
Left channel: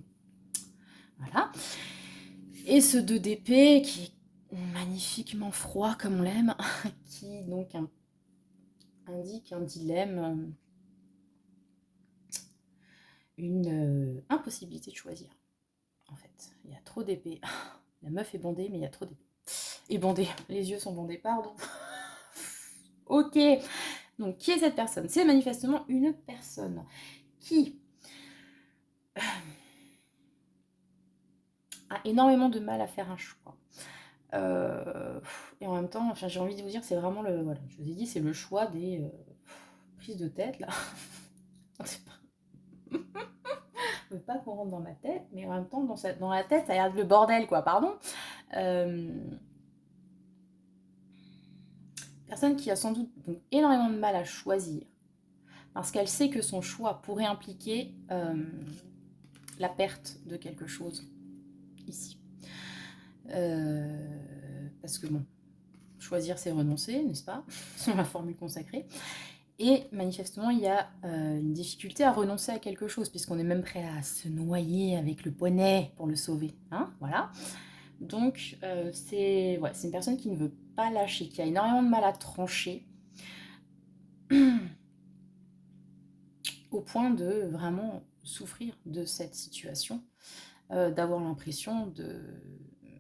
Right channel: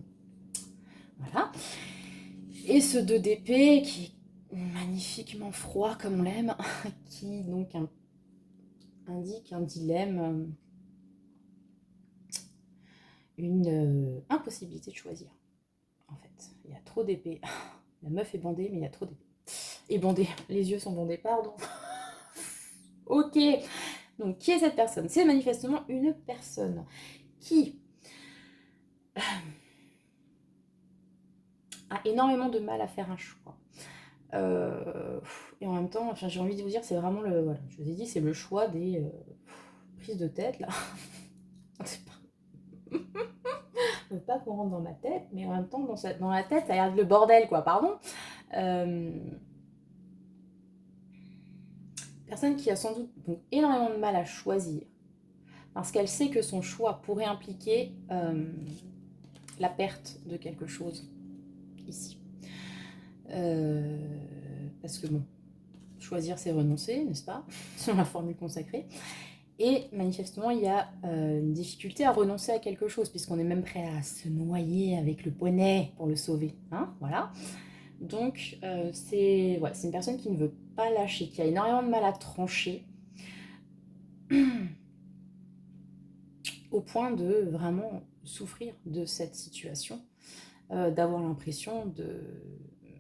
Voilà. Et ce 2 d'épée qui est magnifiquement froid comme on l'aime, qui donc indique un dilemme, une impossibilité de choisir. En fait, il y a trop d'épées. La meuf est bandée, mais il y a trop d'épées. Et bandée, les yeux sont bandés, pardon. Ok, donc qui est cette personne? C'est manifestement une personne qui a énormément de mal à faire un choix. Et en même temps, enfin, j'ai envie de vous dire, c'est vraiment le. Voilà, je vous ai dit, c'est le choix des prises de tête là. C'est pas. Je veux pas qu'on rentre dans ma tête, mais en même temps, dans la tête, ça a l'air le bordel, quoi, pardon. Personne qui a sans doute donc, énormément de mal à choisir, parce qu'elle sait que son choix pourrait impliquer la perte de quelque chose, ici. Parce que bon, choisir c'est renoncer, n'est-ce pas? C'est ma formule consacrée. Et manifestement, il y a une difficulté à renoncer à quelque chose, puisqu'on est même prêt à se noyer avec le poney pour le sauver. Hein, voilà. Donc, c'est une personne qui ne veut pas lâcher, qui a énormément de mal à trancher, au point de vraiment souffrir de cette situation, d'avoir l'impression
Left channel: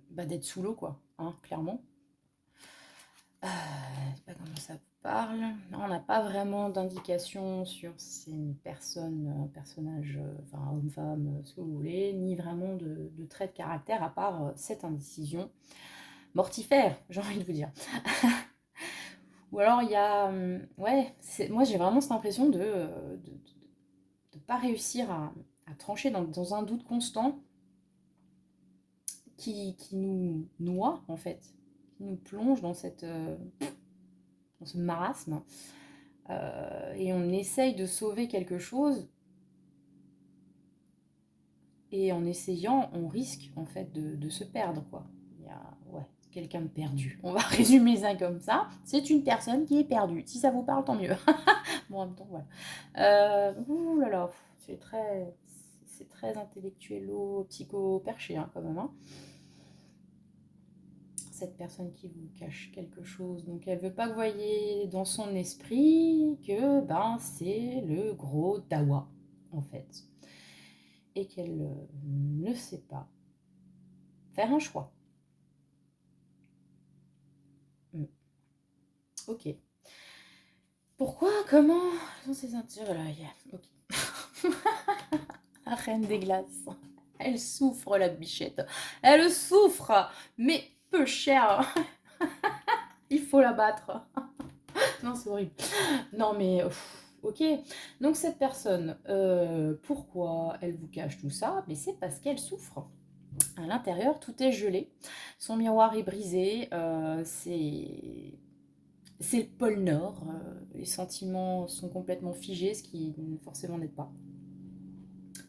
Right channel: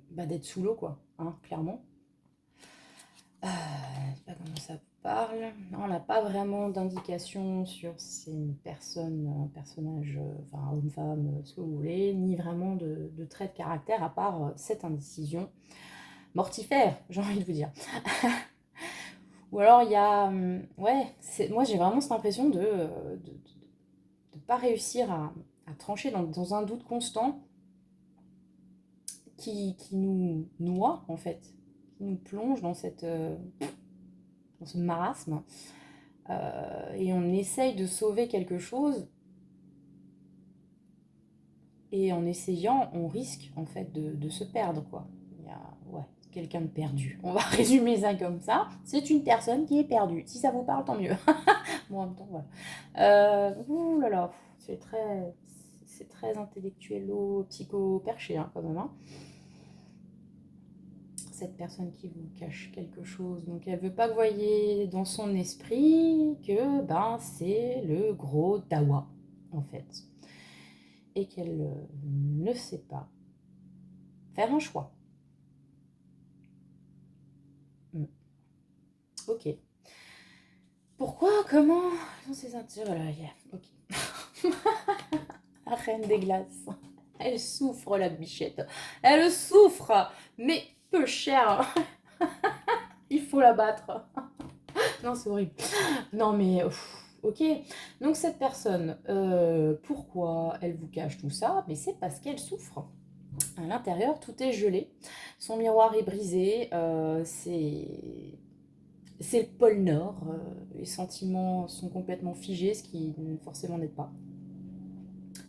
d'être sous l'eau, quoi, hein, clairement. Je sais pas comment ça parle. Non, on n'a pas vraiment d'indication sur si c'est une personne, un personnage, enfin homme-femme, ce que vous voulez, ni vraiment de trait de caractère, à part cette indécision mortifère, j'ai envie de vous dire. Ou alors il y a... ouais, moi j'ai vraiment cette impression de ne pas réussir à trancher dans un doute constant qui nous noie, en fait, qui nous plonge dans dans ce marasme. Et on essaye de sauver quelque chose, et en essayant, on risque en fait de se perdre, quoi. Il y a quelqu'un de perdu. On va résumer ça comme ça. C'est une personne qui est perdue. Si ça vous parle, tant mieux. Bon, en même temps, voilà. Ouh là là, c'est très intellectuello, psycho-perché, hein, quand même. Hein. Cette personne qui vous cache quelque chose. Donc elle veut pas que vous voyez dans son esprit que c'est le gros dawa, en fait. Et qu'elle ne sait pas faire un choix. Ok. Pourquoi? Comment? Dans ces intérêts là, ok. La reine des glaces. Elle souffre, la bichette. Elle souffre, mais peu cher. Il faut la battre. Non, c'est horrible. Non, mais ok. Donc cette personne, pourquoi elle vous cache tout ça? Mais c'est parce qu'elle souffre. À l'intérieur, tout est gelé. Son miroir est brisé. C'est le pôle Nord. Les sentiments sont complètement figés, ce qui forcément n'aide pas.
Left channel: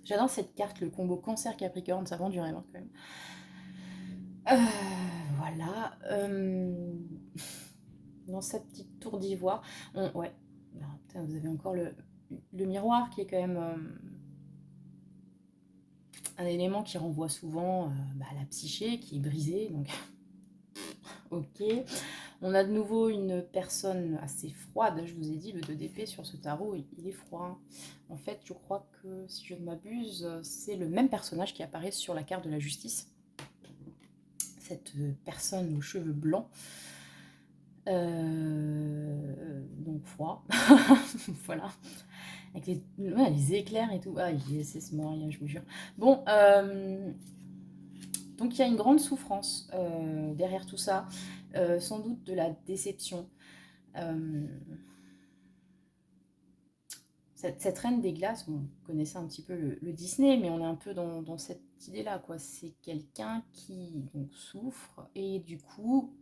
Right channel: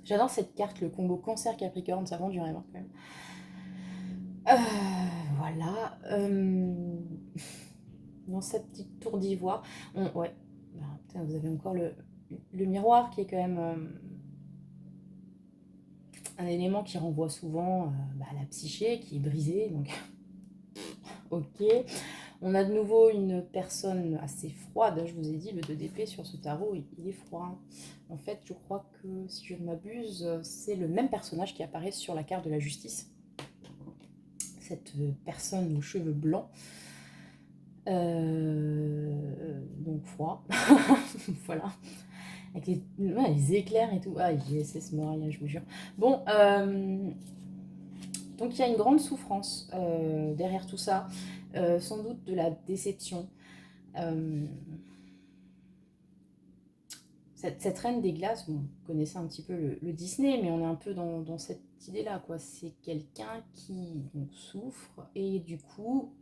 J'adore cette carte, le combo Cancer-Capricorne, ça vend du rêve hein, quand même. Voilà. Dans sa petite tour d'ivoire. Ouais. Putain, vous avez encore le miroir qui est quand même un élément qui renvoie souvent à la psyché qui est brisée. Donc, ok. On a de nouveau une personne assez froide. Je vous ai dit, le 2 d'épée sur ce tarot, il est froid. En fait, je crois que, si je ne m'abuse, c'est le même personnage qui apparaît sur la carte de la justice. Cette personne aux cheveux blancs. Donc froid. Voilà. Avec les éclairs et tout. Ah, c'est ce Moria, je vous jure. Bon, donc il y a une grande souffrance derrière tout ça. Sans doute de la déception. Cette reine des glaces, bon, vous connaissez un petit peu le Disney, mais on est un peu dans cette idée-là, quoi. C'est quelqu'un qui donc, souffre et du coup,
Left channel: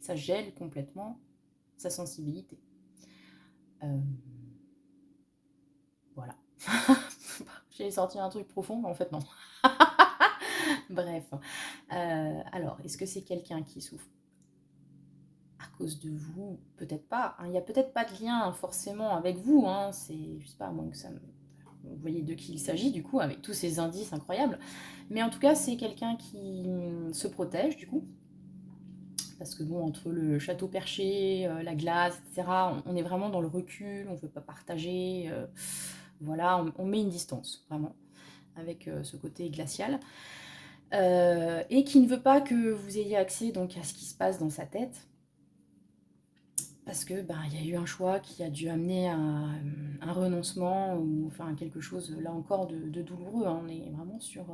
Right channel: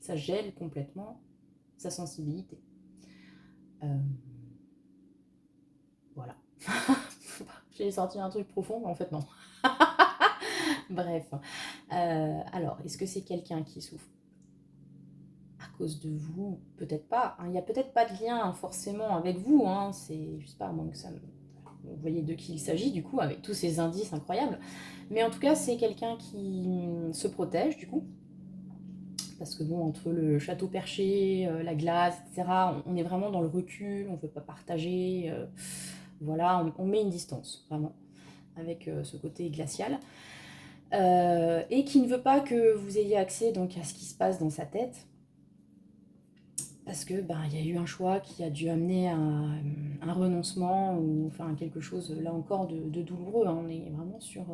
ça gèle complètement sa sensibilité. Voilà. J'ai sorti un truc profond, mais en fait non. Bref. Alors, est-ce que c'est quelqu'un qui souffre à cause de vous? Peut-être pas. Hein. Il n'y a peut-être pas de lien forcément avec vous. Hein. C'est, je sais pas, moins que ça. Vous voyez de qui il s'agit du coup, avec tous ces indices incroyables. Mais en tout cas, c'est quelqu'un qui se protège du coup. Parce que bon, entre le château perché, la glace, etc., on est vraiment dans le recul, on ne veut pas partager. Voilà, on met une distance, vraiment, avec ce côté glacial. Et qui ne veut pas que vous ayez accès donc, à ce qui se passe dans sa tête. Parce que y a eu un choix qui a dû amener à un renoncement ou enfin quelque chose là encore de douloureux. Hein. On est vraiment sur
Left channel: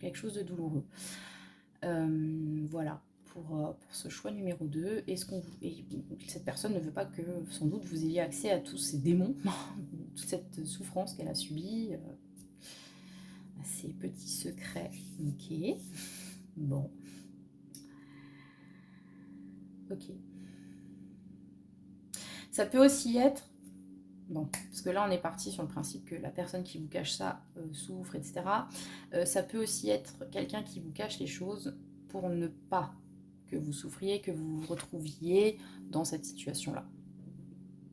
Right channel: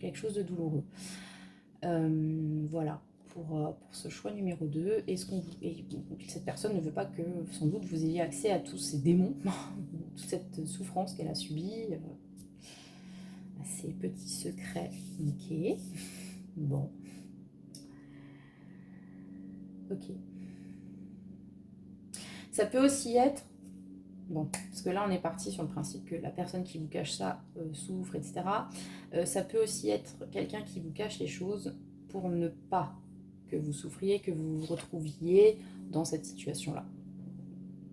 quelque chose de douloureux. Voilà pour ce choix numéro 2. Et cette personne ne veut pas que sans doute vous ayez accès à tous ces démons, toute cette souffrance qu'elle a subie, ces petits secrets. Ok. Bon. Ok. Ça peut aussi être, bon, parce que là on est parti sur le principe que la personne qui vous cache ça souffre, etc. Ça peut aussi être quelqu'un qui vous cache les choses pour ne pas que vous souffriez, que vous vous retrouviez dans cette situation-là.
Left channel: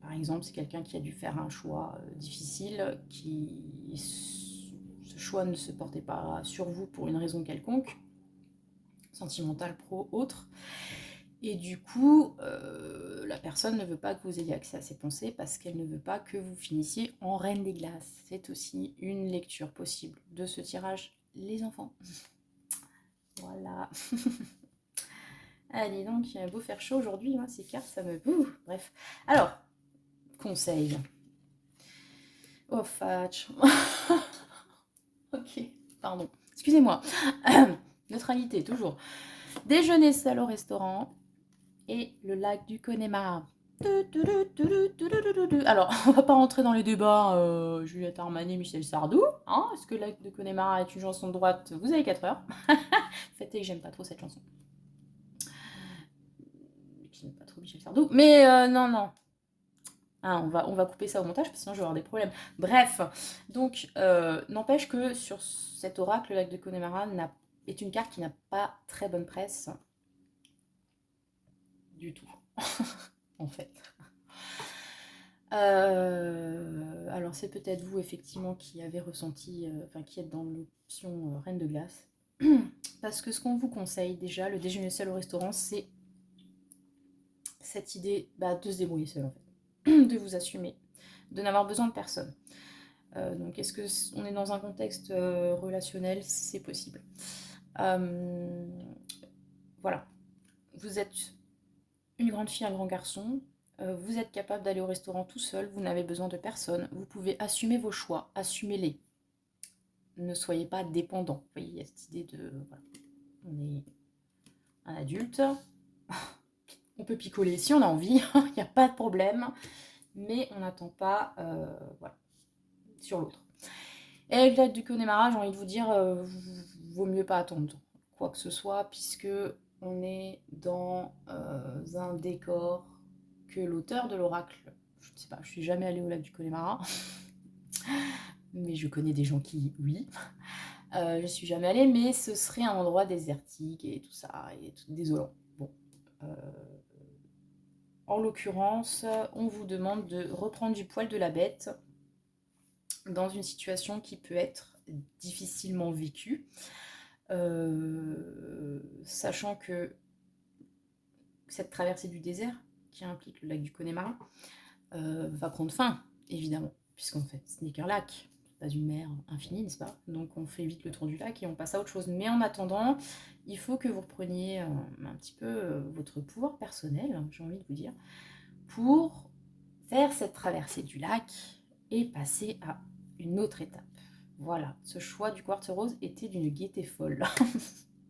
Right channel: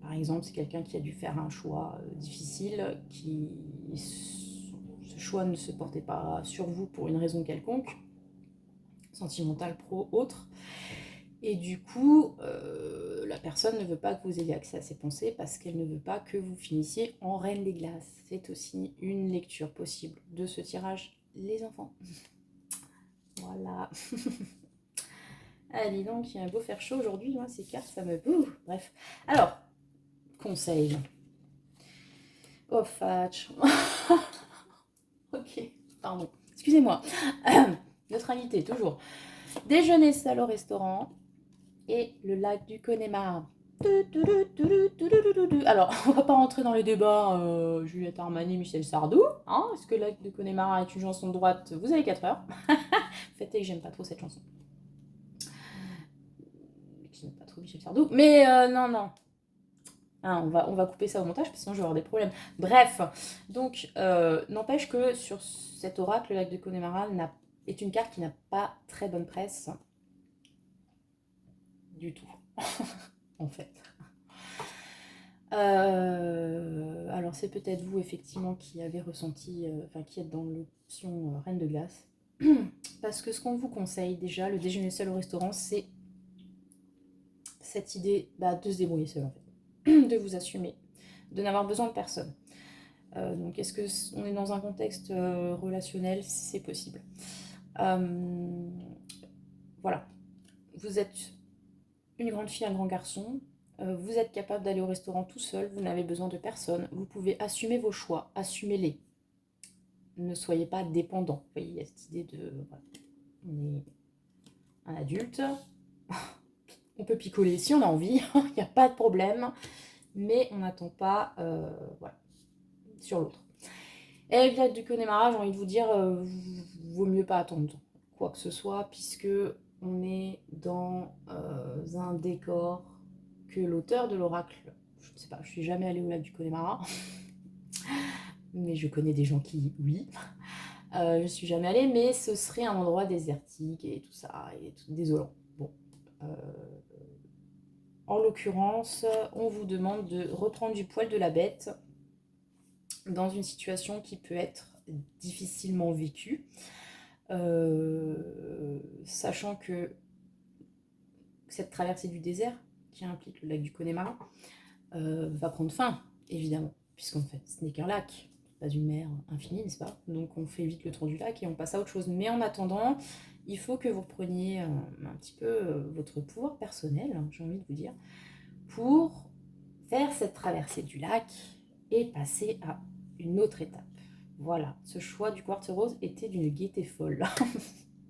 Par exemple, c'est quelqu'un qui a dû faire un choix difficile, ce choix ne se portait pas sur vous pour une raison quelconque, sentimentale, pro, autre. Et du coup, la personne ne veut pas que vous ayez accès à ses pensées parce qu'elle ne veut pas que vous finissiez en reine des glaces. C'est aussi une lecture possible de ce tirage, les enfants. Voilà. Allez donc, il a beau faire chaud aujourd'hui, moi ces cartes, ça me... bref. Alors, conseil. Oh, fatch. Ok, pardon. Excusez-moi. Neutralité, toujours. Déjeuner seul au restaurant et le lac du Connemara. Alors, on va pas rentrer dans le débat Juliette Armanet, Michel Sardou. Hein, est-ce que le lac du Connemara est une chanson de droite? Vous avez 4 heures. Faites que j'aime pas trop cette chanson. J'aime pas trop Michel Sardou. Mais non, non. Ah, on va couper ça au montage, parce que sinon je vais avoir des problèmes. Bref, donc, n'empêche que sur cet oracle, le lac de Connemara est une carte qui n'a pas très bonne presse du tout, en fait. Alors c'est peut-être vous, effectivement, qui avez ressenti, enfin, qui êtes dans l'option Reine de Glace. Parce que ce qu'on vous conseille, déjà, le déjeuner seul au restaurant, c'est cette idée de se débrouiller seul, en fait. De vous assumer, de n'avoir besoin de personne. Donc est-ce qu'on est dans un contexte relationnel? C'est possible. Voilà. Vous êtes une grande fille, un grand garçon, vous êtes capable d'aller au restaurant tout seul, vous n'avez besoin de personne, vous pouvez assumer vos choix, assumez-les. Ne soyez pas dépendant. Vous voyez, il y a cette idée de... Voilà, on est un adulte, on peut picoler si on a envie, il n'y a pas de problème, mais on n'attend pas voilà, sur l'autre. Et avec l'aide du Connemara, j'ai envie de vous dire, vaut mieux pas attendre quoi que ce soit, puisque on est dans un décor que l'auteur de l'oracle, je ne sais pas, je suis jamais allée au lac du Connemara, mais je connais des gens qui, oui, je suis jamais allée, mais ce serait un endroit désertique et tout ça, et tout, désolant. Bon, en l'occurrence, on vous demande de reprendre du poil de la bête dans une situation qui peut être difficilement vécue, sachant que cette traversée du désert, qui implique le lac du Connemara, va prendre fin, évidemment, puisqu'en fait, ce n'est qu'un lac, pas une mer infinie, n'est-ce pas? Donc on fait vite le tour du lac et on passe à autre chose. Mais en attendant, il faut que vous repreniez un petit peu votre pouvoir personnel, j'ai envie de vous dire, pour faire cette traversée du lac et passer à une autre étape. Voilà, ce choix du quartz rose était d'une gaieté folle.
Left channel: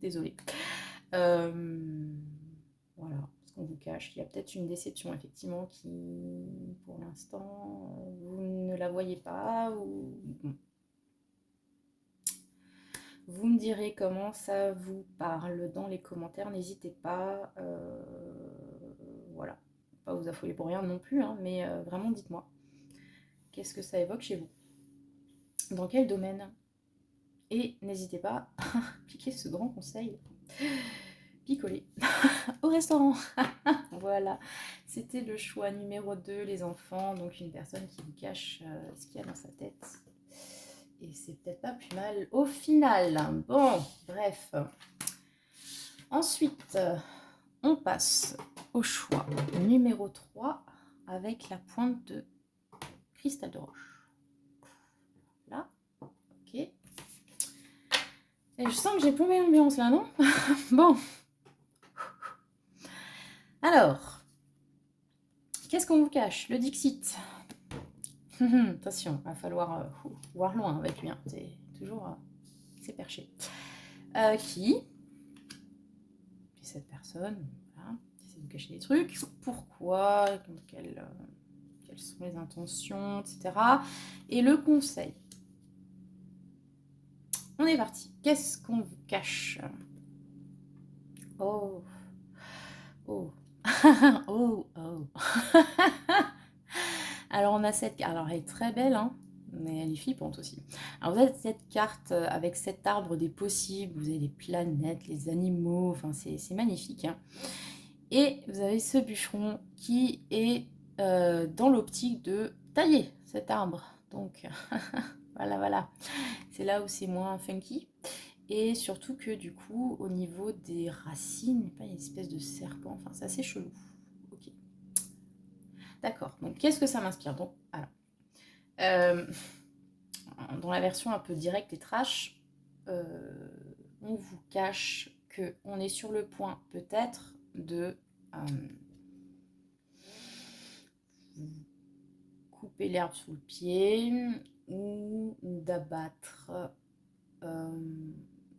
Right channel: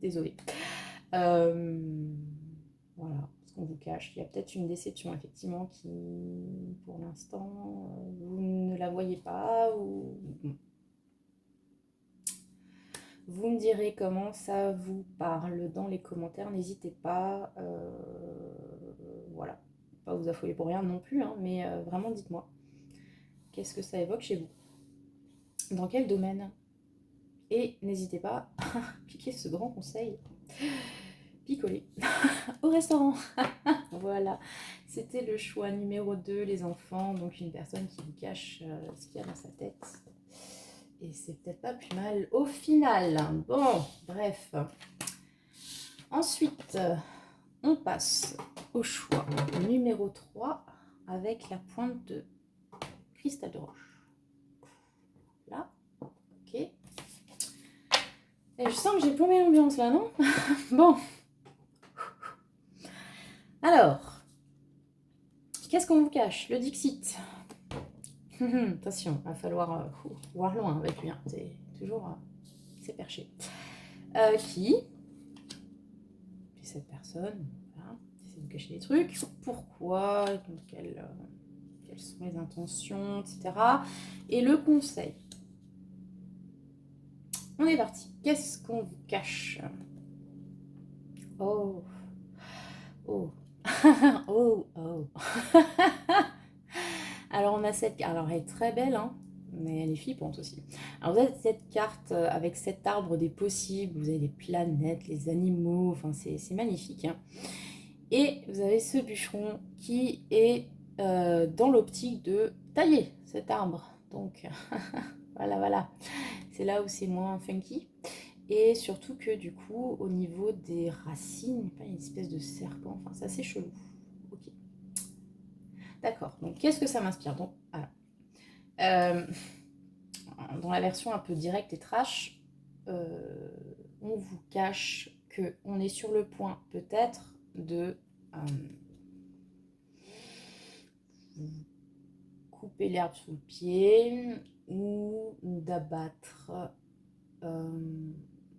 Désolée. Voilà, ce qu'on vous cache. Il y a peut-être une déception, effectivement, qui, pour l'instant, vous ne la voyez pas. Ou... Vous me direz comment ça vous parle dans les commentaires. N'hésitez pas. Voilà. Pas vous affoler pour rien non plus, hein, mais vraiment, dites-moi. Qu'est-ce que ça évoque chez vous? Dans quel domaine? Et n'hésitez pas à piquer ce grand conseil. Picoler au restaurant. Voilà, c'était le choix numéro 2, les enfants. Donc une personne qui vous cache ce qu'il y a dans sa tête. Et c'est peut-être pas plus mal au final. Bon, bref. Ensuite, on passe au choix numéro 3 avec la pointe de cristal de roche. Là, ok. Et je sens que j'ai plombé l'ambiance là, non? Bon. Alors, qu'est-ce qu'on vous cache? Le Dixit. Attention, il va falloir voir loin avec lui. Hein. C'est toujours c'est perché. Qui cette personne voilà, qui essaie de vous cacher des trucs. Pourquoi? Quelles sont les intentions, etc. Et le conseil. On est parti. Qu'est-ce qu'on vous cache? Oh. Oh. Oh. Oh. Alors on a cette carte. Alors elle est très belle, hein, mais elle est flippante aussi. Alors vous avez cette carte avec cet arbre des possibles. Vous avez les planètes, les animaux. Enfin c'est magnifique. Hein. Et vous avez ce bûcheron qui est dans l'optique de tailler cet arbre. Donc voilà. C'est là où c'est moins funky. Et surtout que du coup, au niveau des racines, il n'y a pas une espèce de serpent. Enfin, c'est assez chelou. Ok. D'accord. Donc, qu'est-ce que ça m'inspire? Donc, alors, dans la version un peu directe et trash, on vous cache qu'on est sur le point peut-être de couper l'herbe sous le pied ou d'abattre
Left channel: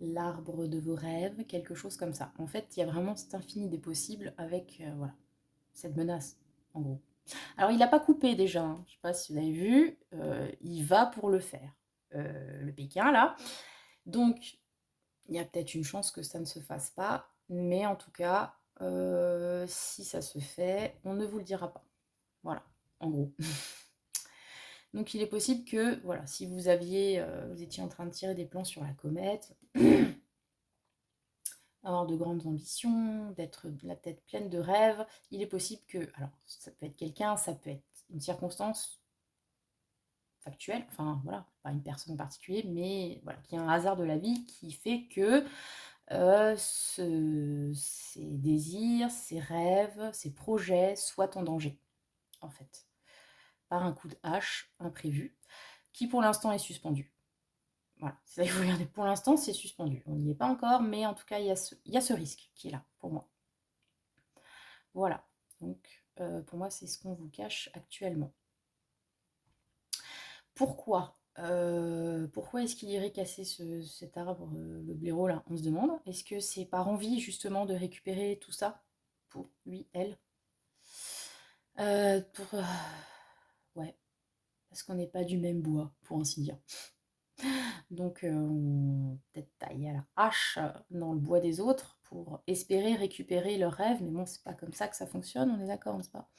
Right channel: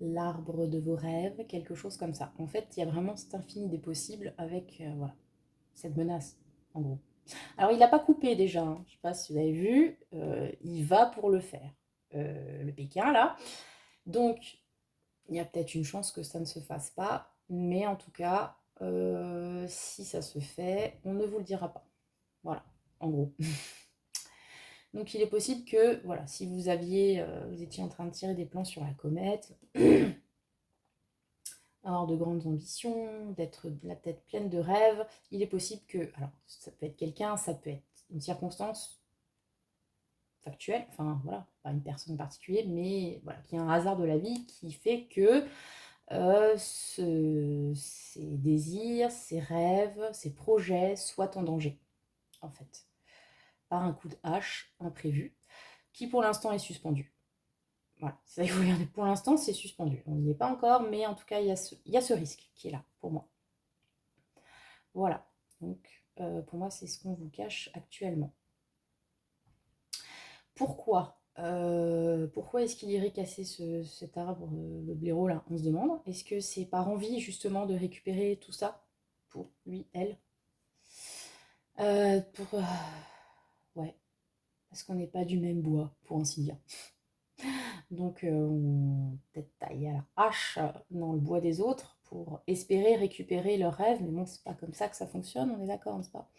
l'arbre de vos rêves, quelque chose comme ça. En fait, il y a vraiment cet infini des possibles avec voilà, cette menace, en gros. Alors, il n'a pas coupé déjà, hein. Je ne sais pas si vous avez vu, il va pour le faire, le Pékin, là. Donc, il y a peut-être une chance que ça ne se fasse pas, mais en tout cas, si ça se fait, on ne vous le dira pas. Voilà, en gros. Donc il est possible que, voilà, si vous aviez, vous étiez en train de tirer des plans sur la comète, avoir de grandes ambitions, d'être la tête pleine de rêves, il est possible que, alors ça peut être quelqu'un, ça peut être une circonstance factuelle, enfin voilà, pas une personne en particulier, mais voilà, qu'il y a un hasard de la vie qui fait que ces désirs, ces rêves, ces projets soient en danger, en fait, par un coup de hache imprévu, qui pour l'instant est suspendu. Voilà, c'est ça qu'il faut regarder. Pour l'instant, c'est suspendu. On n'y est pas encore, mais en tout cas, il y a ce risque qui est là pour moi. Voilà. Donc, pour moi, c'est ce qu'on vous cache actuellement. Pourquoi pourquoi est-ce qu'il irait casser cet arbre, le blaireau là? On se demande. Est-ce que c'est par envie justement de récupérer tout ça pour lui, elle? Ouais, parce qu'on n'est pas du même bois, pour ainsi dire. Donc on peut-être tailler à la hache dans le bois des autres pour espérer récupérer leur rêve, mais bon, c'est pas comme ça que ça fonctionne, on est d'accord, n'est-ce pas?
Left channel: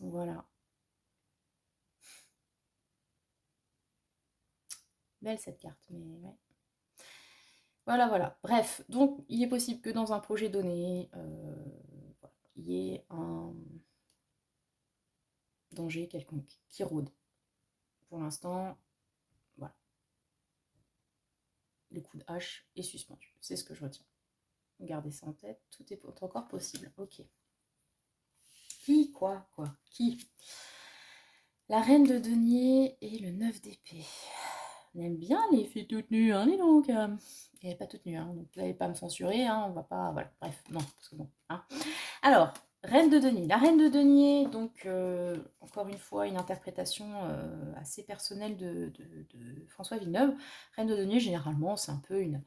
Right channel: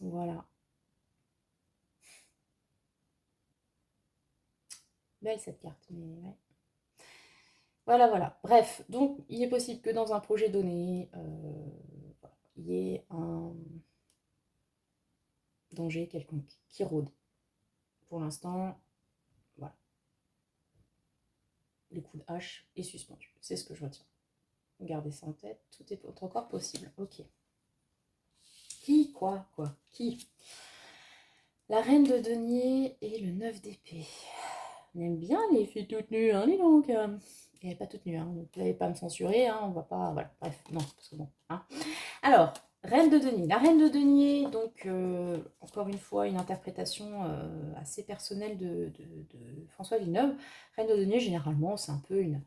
Voilà. Belle cette carte, mais ouais. Voilà, voilà. Bref, donc il est possible que dans un projet donné, voilà, il y ait un danger quelconque qui rôde. Pour l'instant, voilà, le coup de hache est suspendu. C'est ce que je retiens. Gardez ça en tête, tout est encore possible. Ok. Qui? Quoi? Qui? La reine de denier et le 9 d'épée. On aime bien les filles toutes nues, hein, dis donc. Elle n'est pas toute nue, hein. Vous n'allez pas me censurer, hein, on va pas. Voilà, bref, non, parce que bon. Hein. Alors, reine de denier. La reine de denier, donc, encore une fois, une interprétation assez personnelle de François Villeneuve. Reine de denier, généralement, c'est un peu une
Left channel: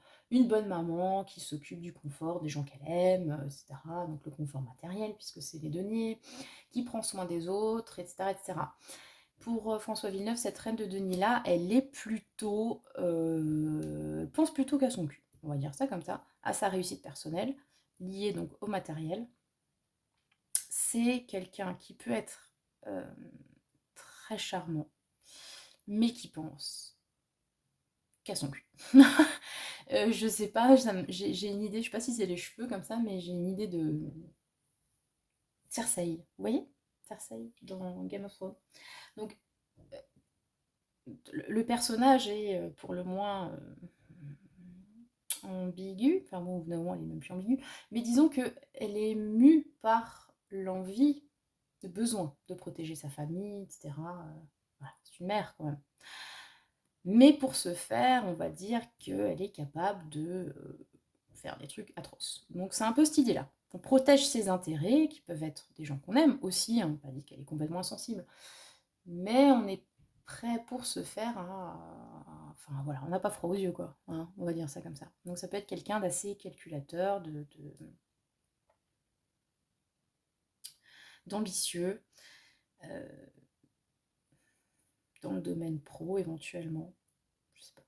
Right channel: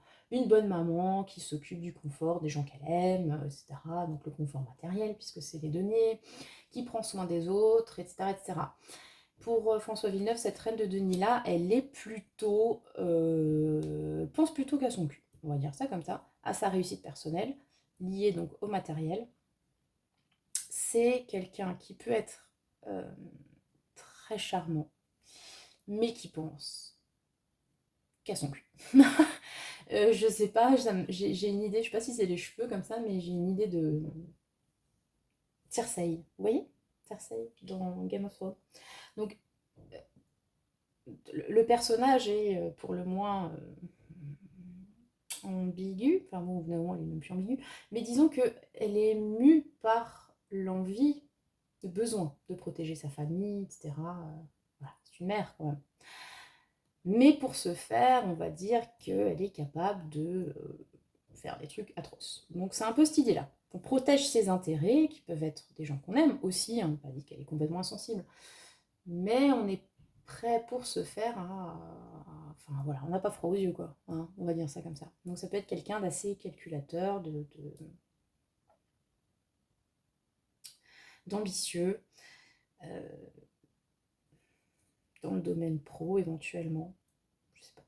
bonne maman qui s'occupe du confort des gens qu'elle aime, etc. Donc, le confort matériel, puisque c'est les deniers, qui prend soin des autres, etc. etc. Pour François Villeneuve, cette reine de Denis-là, elle est plutôt... pense plutôt qu'à son cul, on va dire ça comme ça, à sa réussite personnelle, liée donc au matériel. C'est quelqu'un qui peut être très charmant, mais qui pense qu'à son cul. Je sais pas, j'ai une idée, je sais pas si c'est les cheveux comme ça, mais j'ai une idée de Cersei. Vous voyez Cersei dans Game of Thrones. Donc, le personnage est pour le moins ambiguë, enfin bon, évidemment, elle est même plus ambiguë, mais disons qu'elle est mue par l'envie, le besoin de protéger sa famille, etc. Voilà, c'est une mère quand même. Mais pour ce faire, on va dire qu'elle est capable de faire des trucs atroces. Donc c'est un peu cette idée-là. On protège ses intérêts, qui peuvent être des gens qu'on aime aussi, on n'a pas dit qu'elle est complètement insensible, mais on est prêt pour se faire enfin voilà, on n'a pas froid aux yeux quoi, hein, on va dire ça comme ça. Donc ça peut être quelqu'un d'assez calculateur, d'ambitieux, euh, dans le domaine pro éventuellement, je sais pas,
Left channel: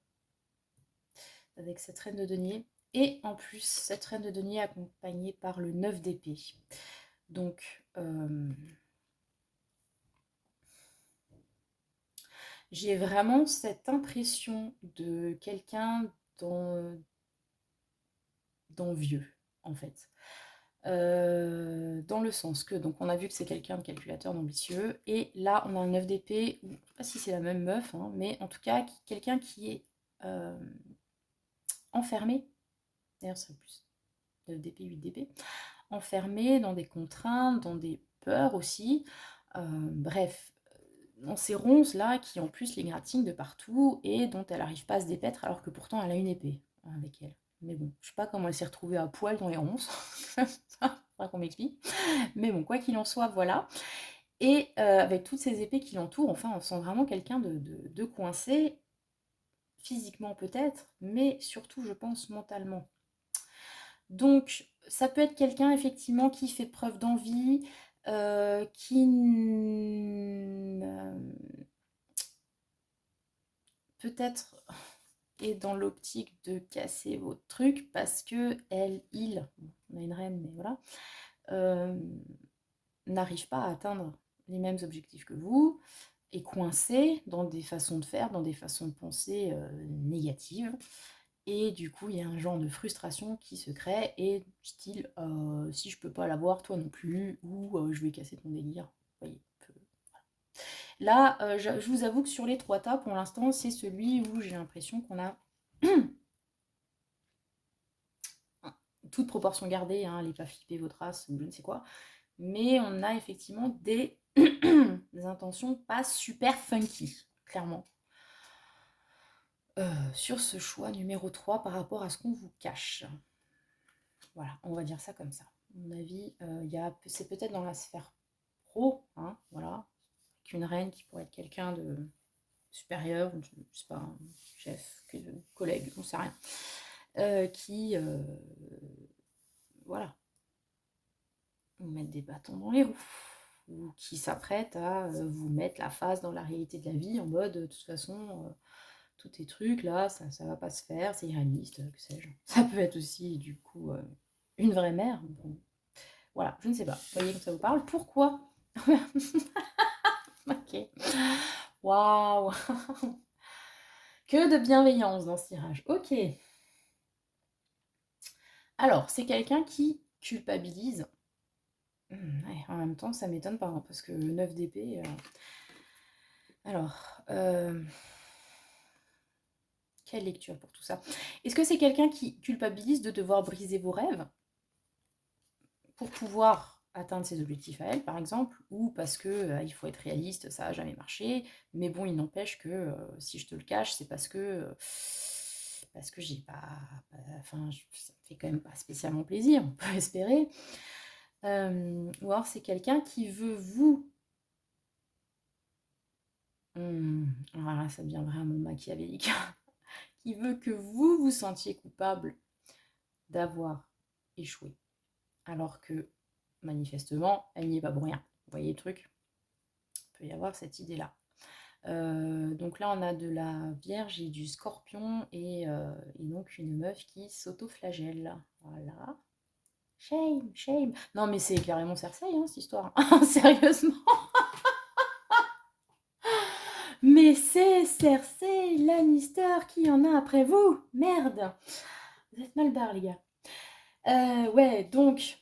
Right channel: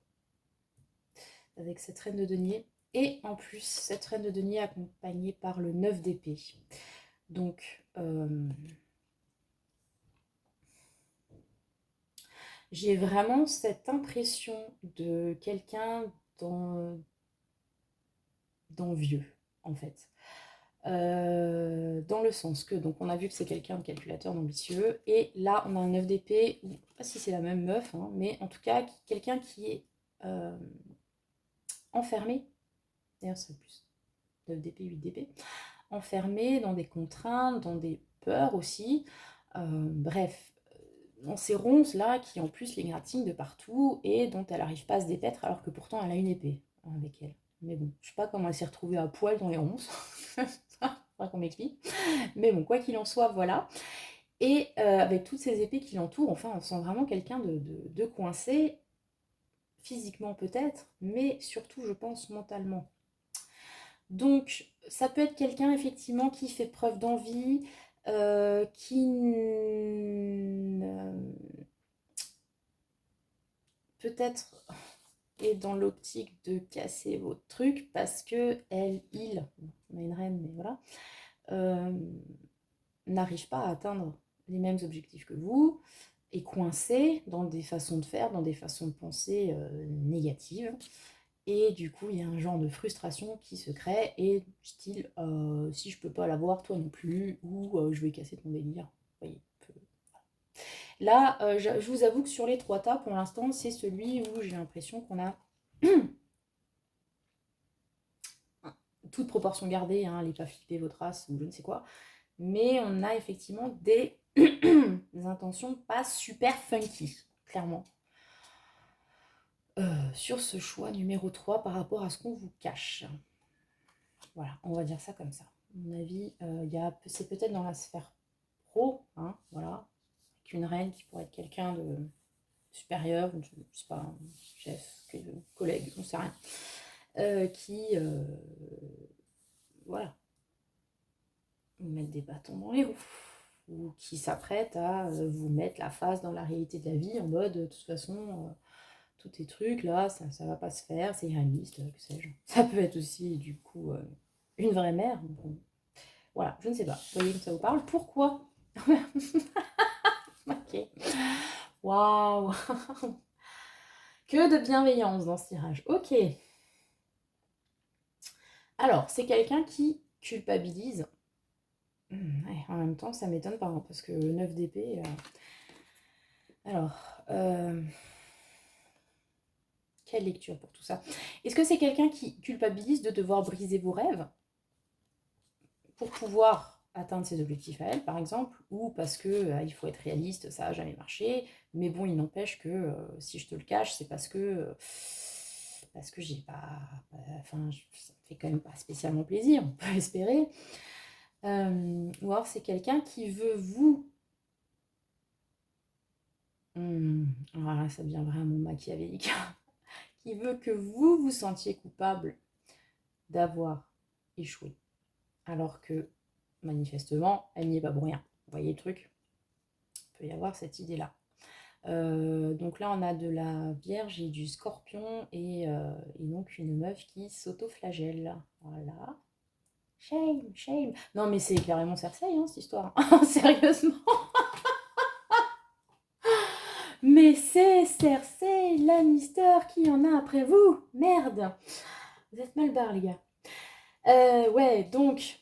avec cette reine de denier. Et en plus, cette reine de denier accompagnée par le 9 d'épée. Donc, j'ai vraiment cette impression de quelqu'un d'envieux, en fait. Dans le sens que, donc on a vu que c'est quelqu'un de calculateur, d'ambitieux, et là on a un 9 d'épée, je ne sais pas si c'est la même meuf, hein, mais en tout cas quelqu'un qui est enfermé, d'ailleurs c'est plus 9 d'épée, 8 d'épée, enfermé dans des contraintes, dans des peurs aussi, bref, dans ces ronces là qui en plus l'égratignent de partout et dont elle n'arrive pas à se dépaître alors que pourtant elle a une épée avec elle. Mais bon, je sais pas comment elle s'est retrouvée à poil dans les ronces, faudra qu'on m'explique. Mais bon, quoi qu'il en soit, voilà. Et avec toutes ces épées qui l'entourent, enfin, on sent vraiment quelqu'un de coincé, physiquement peut-être, mais surtout, je pense, mentalement. Donc, ça peut être quelqu'un, effectivement, qui fait preuve d'envie, qui peut-être est dans l'optique de casser votre truc parce que il, on a une reine, mais voilà, n'arrive pas à atteindre les mêmes objectifs que vous, est coincé dans des façons de faire, dans des façons de penser négatives. Et du coup, il y a un genre de frustration qui se crée, et style, si je peux pas l'avoir, toi non plus, ou je vais casser ton délire. Vous voyez, là, je vous avoue que sur les 3 tas, pour l'instant, c'est celui où j'ai l'impression qu'on a toute proportion gardée, hein, allez pas flipper votre race ou je ne sais quoi, mais on a effectivement des intentions pas super funky, clairement. Sur ce choix numéro 3 par rapport à ce qu'on vous cache. Voilà, on va dire ça comme ça. mon avis, c'est peut-être dans la sphère pro, hein, voilà, qu'une reine qui pourrait être quelqu'un de supérieur, je ne sais pas, un chef, collègue, on ne sait rien, qui, voilà, mettre des bâtons dans les roues, ou qui s'apprête à vous mettre la face dans la réalité de la vie, en mode, de toute façon, tous tes trucs, là, ça va pas se faire, c'est irréaliste, que sais-je. Ça peut être aussi, du coup, une vraie mère. Bon, voilà, je ne sais pas. Vous voyez que ça vous parle. Pourquoi? Ok. Waouh. Que de bienveillance dans ce tirage. Ok. Alors, c'est quelqu'un qui culpabilise. Ouais, en même temps, ça m'étonne pas, hein, parce que 9 d'épée... Alors, quelle lecture pour tout ça? Est-ce que c'est quelqu'un qui culpabilise de devoir briser vos rêves pour pouvoir atteindre ses objectifs à elle, par exemple, ou parce que il faut être réaliste, ça n'a jamais marché, mais bon, il n'empêche que si je te le cache, c'est parce que j'ai pas... Enfin, ça me fait quand même pas spécialement plaisir, on peut espérer. Ou alors c'est quelqu'un qui veut vous... Alors ça devient vraiment machiavélique. Qui veut que vous vous sentiez coupable d'avoir échoué. Alors que, manifestement, elle n'y est pas pour rien. Vous voyez le truc? Il peut y avoir cette idée-là. Donc là, on a de la Vierge et du Scorpion et donc une meuf qui s'auto-flagelle. Voilà. Shame, shame. Non, mais c'est carrément Cersei, hein, cette histoire. Sérieusement. Mais c'est Cersei Lannister qui en a après vous. Merde. Vous êtes mal barre, les gars. Ouais, donc...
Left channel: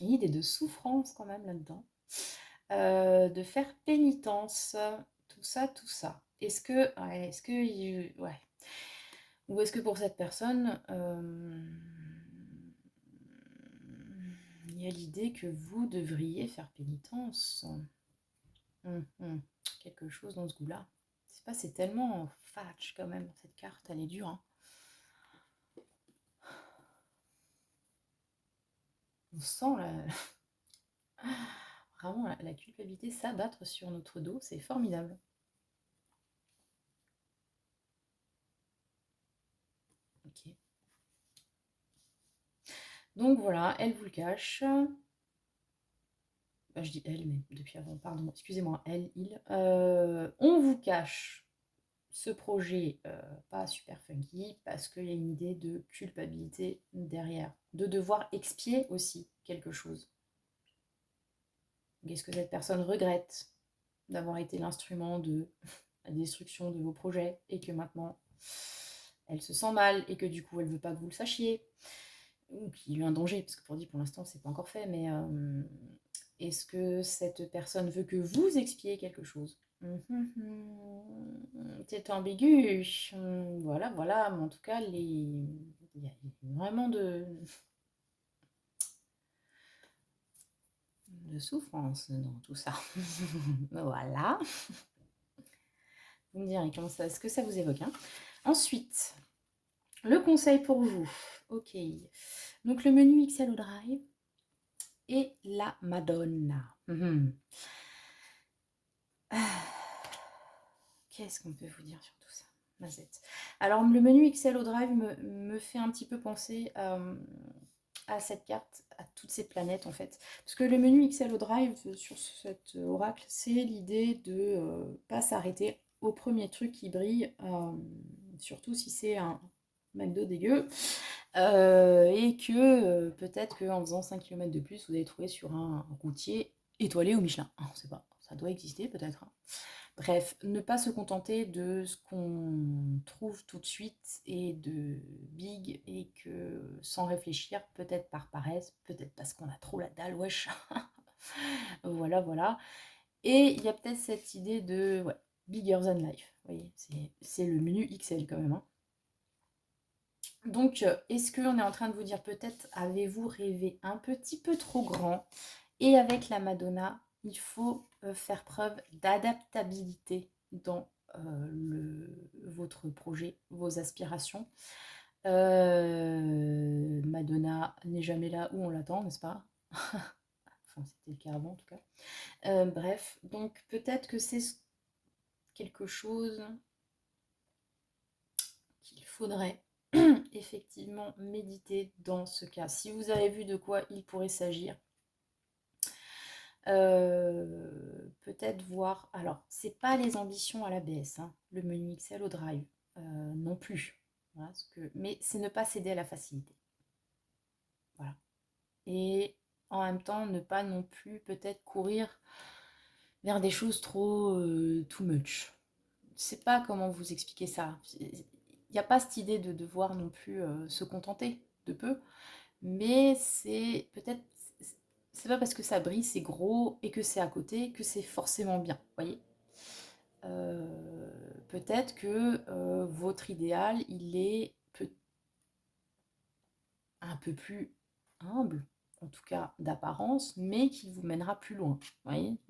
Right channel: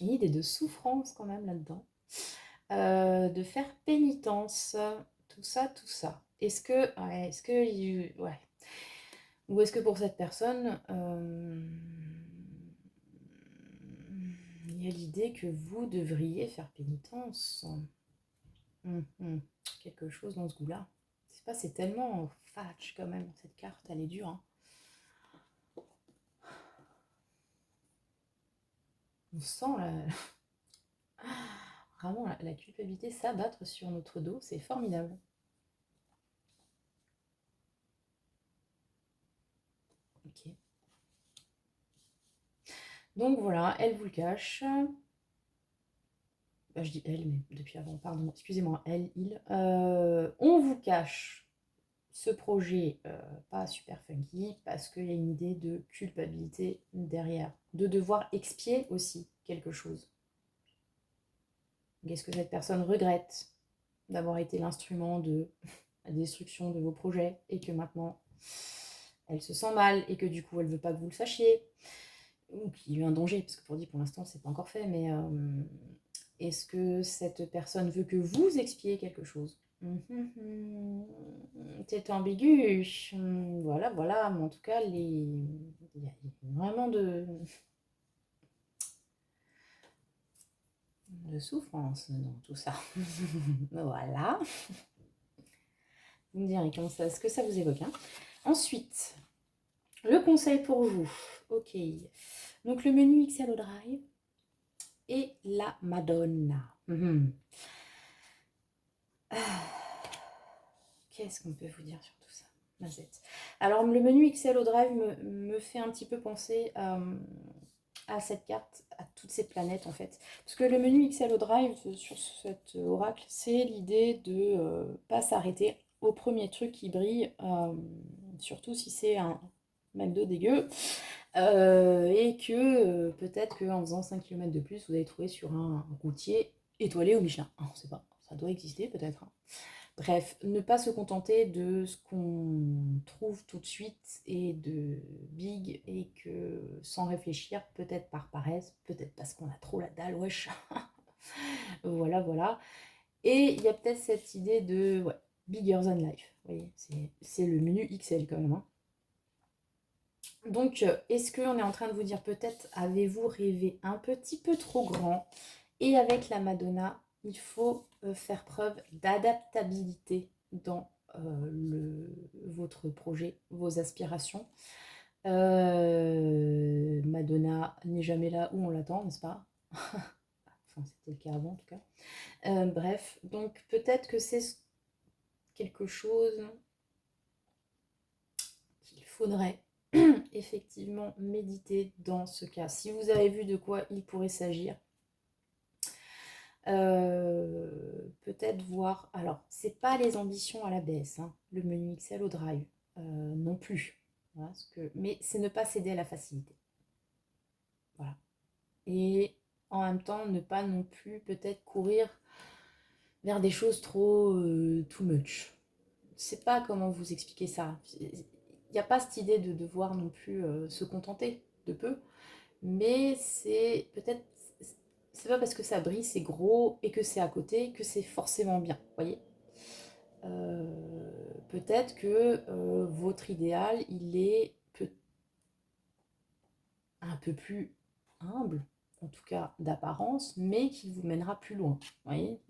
Une idée de souffrance quand même là-dedans. De faire pénitence. Tout ça, tout ça. Est-ce que... Ouais, est-ce que... Ouais. Ou est-ce que pour cette personne, il y a l'idée que vous devriez faire pénitence? Quelque chose dans ce goût-là. C'est pas, c'est tellement fatch quand même, cette carte, elle est dure. Hein. On sent vraiment la culpabilité s'abattre sur notre dos, c'est formidable. Ok. Donc voilà, elle vous le cache. Je dis elle, mais depuis avant, pardon, excusez-moi, elle, il. On vous cache ce projet pas super funky parce qu'il y a une idée de culpabilité derrière, de devoir expier aussi quelque chose. Est-ce que cette personne regrette d'avoir été l'instrument de la destruction de vos projets et que maintenant elle se sent mal et que du coup elle veut pas que vous le sachiez ou qu'il y a eu un danger, parce que pour l'instant c'est pas encore fait, mais est-ce que cette personne veut que vous expiez quelque chose? C'est ambigu. Voilà, voilà, mais en tout cas, il y a vraiment de souffrance dans tout ça. Voilà. Vous me direz ce que ça vous évoque. Hein. Ensuite, le conseil pour vous. Ok. Donc, le menu XL au Drive et la Madonna. Qu'est-ce qu'on peut vous dire sur tout ça, Mazette? Alors, le menu XL au Drive me fait un petit peu penser à cette carte, à toutes ces planètes en fait. Parce que le menu XL au Drive sur cet oracle, c'est l'idée de pas s'arrêter au premier truc qui brille, surtout si c'est un McDo dégueu, et que peut-être qu'en faisant 5 km de plus, vous allez trouver sur un routier étoilé au Michelin. On ne sait pas, ça doit exister peut-être. Hein. Bref, ne pas se contenter de ce qu'on trouve tout de suite et de big et que sans réfléchir, peut-être par paresse, peut-être parce qu'on a trop la dalle, wesh. Voilà, voilà. Et il y a peut-être cette idée de ouais, bigger than life. Vous voyez, c'est le menu XL quand même. Hein. Donc, est-ce qu'on est en train de vous dire peut-être avez-vous rêvé un petit peu trop grand? Et avec la Madonna, il faut faire preuve d'adaptabilité dans votre projet, vos aspirations. Madonna n'est jamais là où on l'attend, n'est-ce pas? Enfin, c'était le cas avant en tout cas. Bref, donc peut-être que c'est quelque chose qu'il faudrait effectivement méditer dans ce cas. Si vous avez vu de quoi il pourrait s'agir, peut-être voir. Alors, c'est pas les ambitions à la baisse, hein, le menu Excel au Drive, non plus. Voilà, mais c'est ne pas céder à la facilité. Voilà. Et en même temps, ne pas non plus peut-être courir vers des choses trop too much. Je sais pas comment vous expliquer ça. Il n'y a pas cette idée de devoir non plus se contenter de peu, mais c'est peut-être, c'est pas parce que ça brille, c'est gros et que c'est à côté que c'est forcément bien, vous voyez. Peut-être que votre idéal, il est un peu plus humble, en tout cas d'apparence, mais qui vous mènera plus loin. Vous voyez,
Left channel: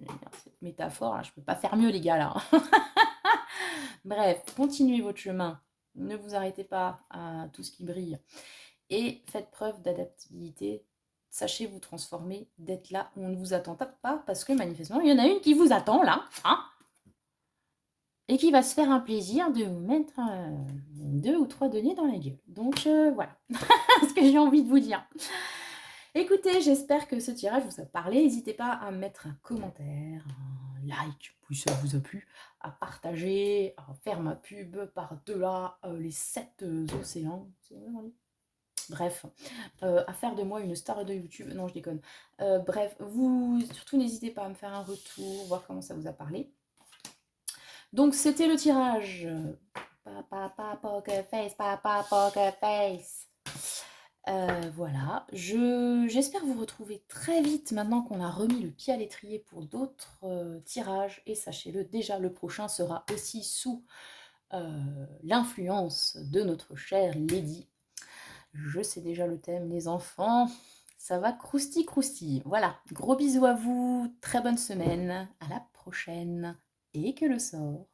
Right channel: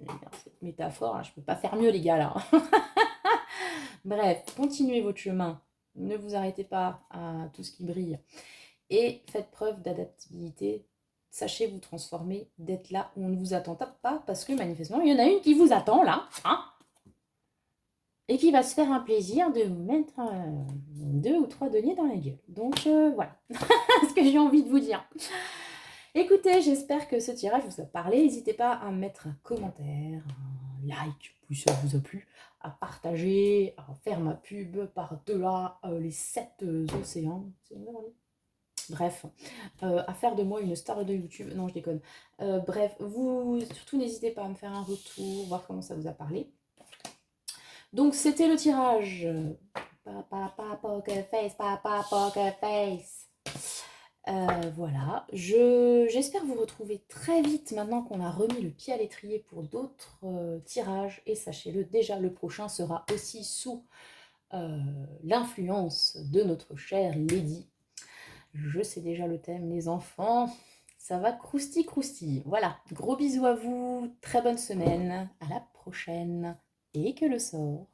cette métaphore, là, je ne peux pas faire mieux les gars là. Bref, continuez votre chemin, ne vous arrêtez pas à tout ce qui brille et faites preuve d'adaptabilité. Sachez vous transformer, d'être là où on ne vous attend pas, parce que manifestement, il y en a une qui vous attend là, hein, et qui va se faire un plaisir de vous mettre 2 ou 3 deniers dans la gueule. Donc voilà ce que j'ai envie de vous dire. Écoutez, j'espère que ce tirage vous a parlé. N'hésitez pas à mettre un commentaire, un like, si ça vous a plu, à partager, à faire ma pub par-delà les 7 océans. Bref, à faire de moi une star de YouTube. Non, je déconne. Bref, vous, surtout n'hésitez pas à me faire un retour, voir comment ça vous a parlé. Donc, c'était le tirage. Papa poker face, papa poker face. Voilà, j'espère vous retrouver très vite maintenant qu'on a remis le pied à l'étrier pour d'autres tirages. Et sachez-le, déjà le prochain sera aussi sous l'influence de notre chère Lady. Je sais déjà le thème, les enfants. Ça va crousti. Voilà, gros bisous à vous, très bonne semaine, à la prochaine. Et que le sort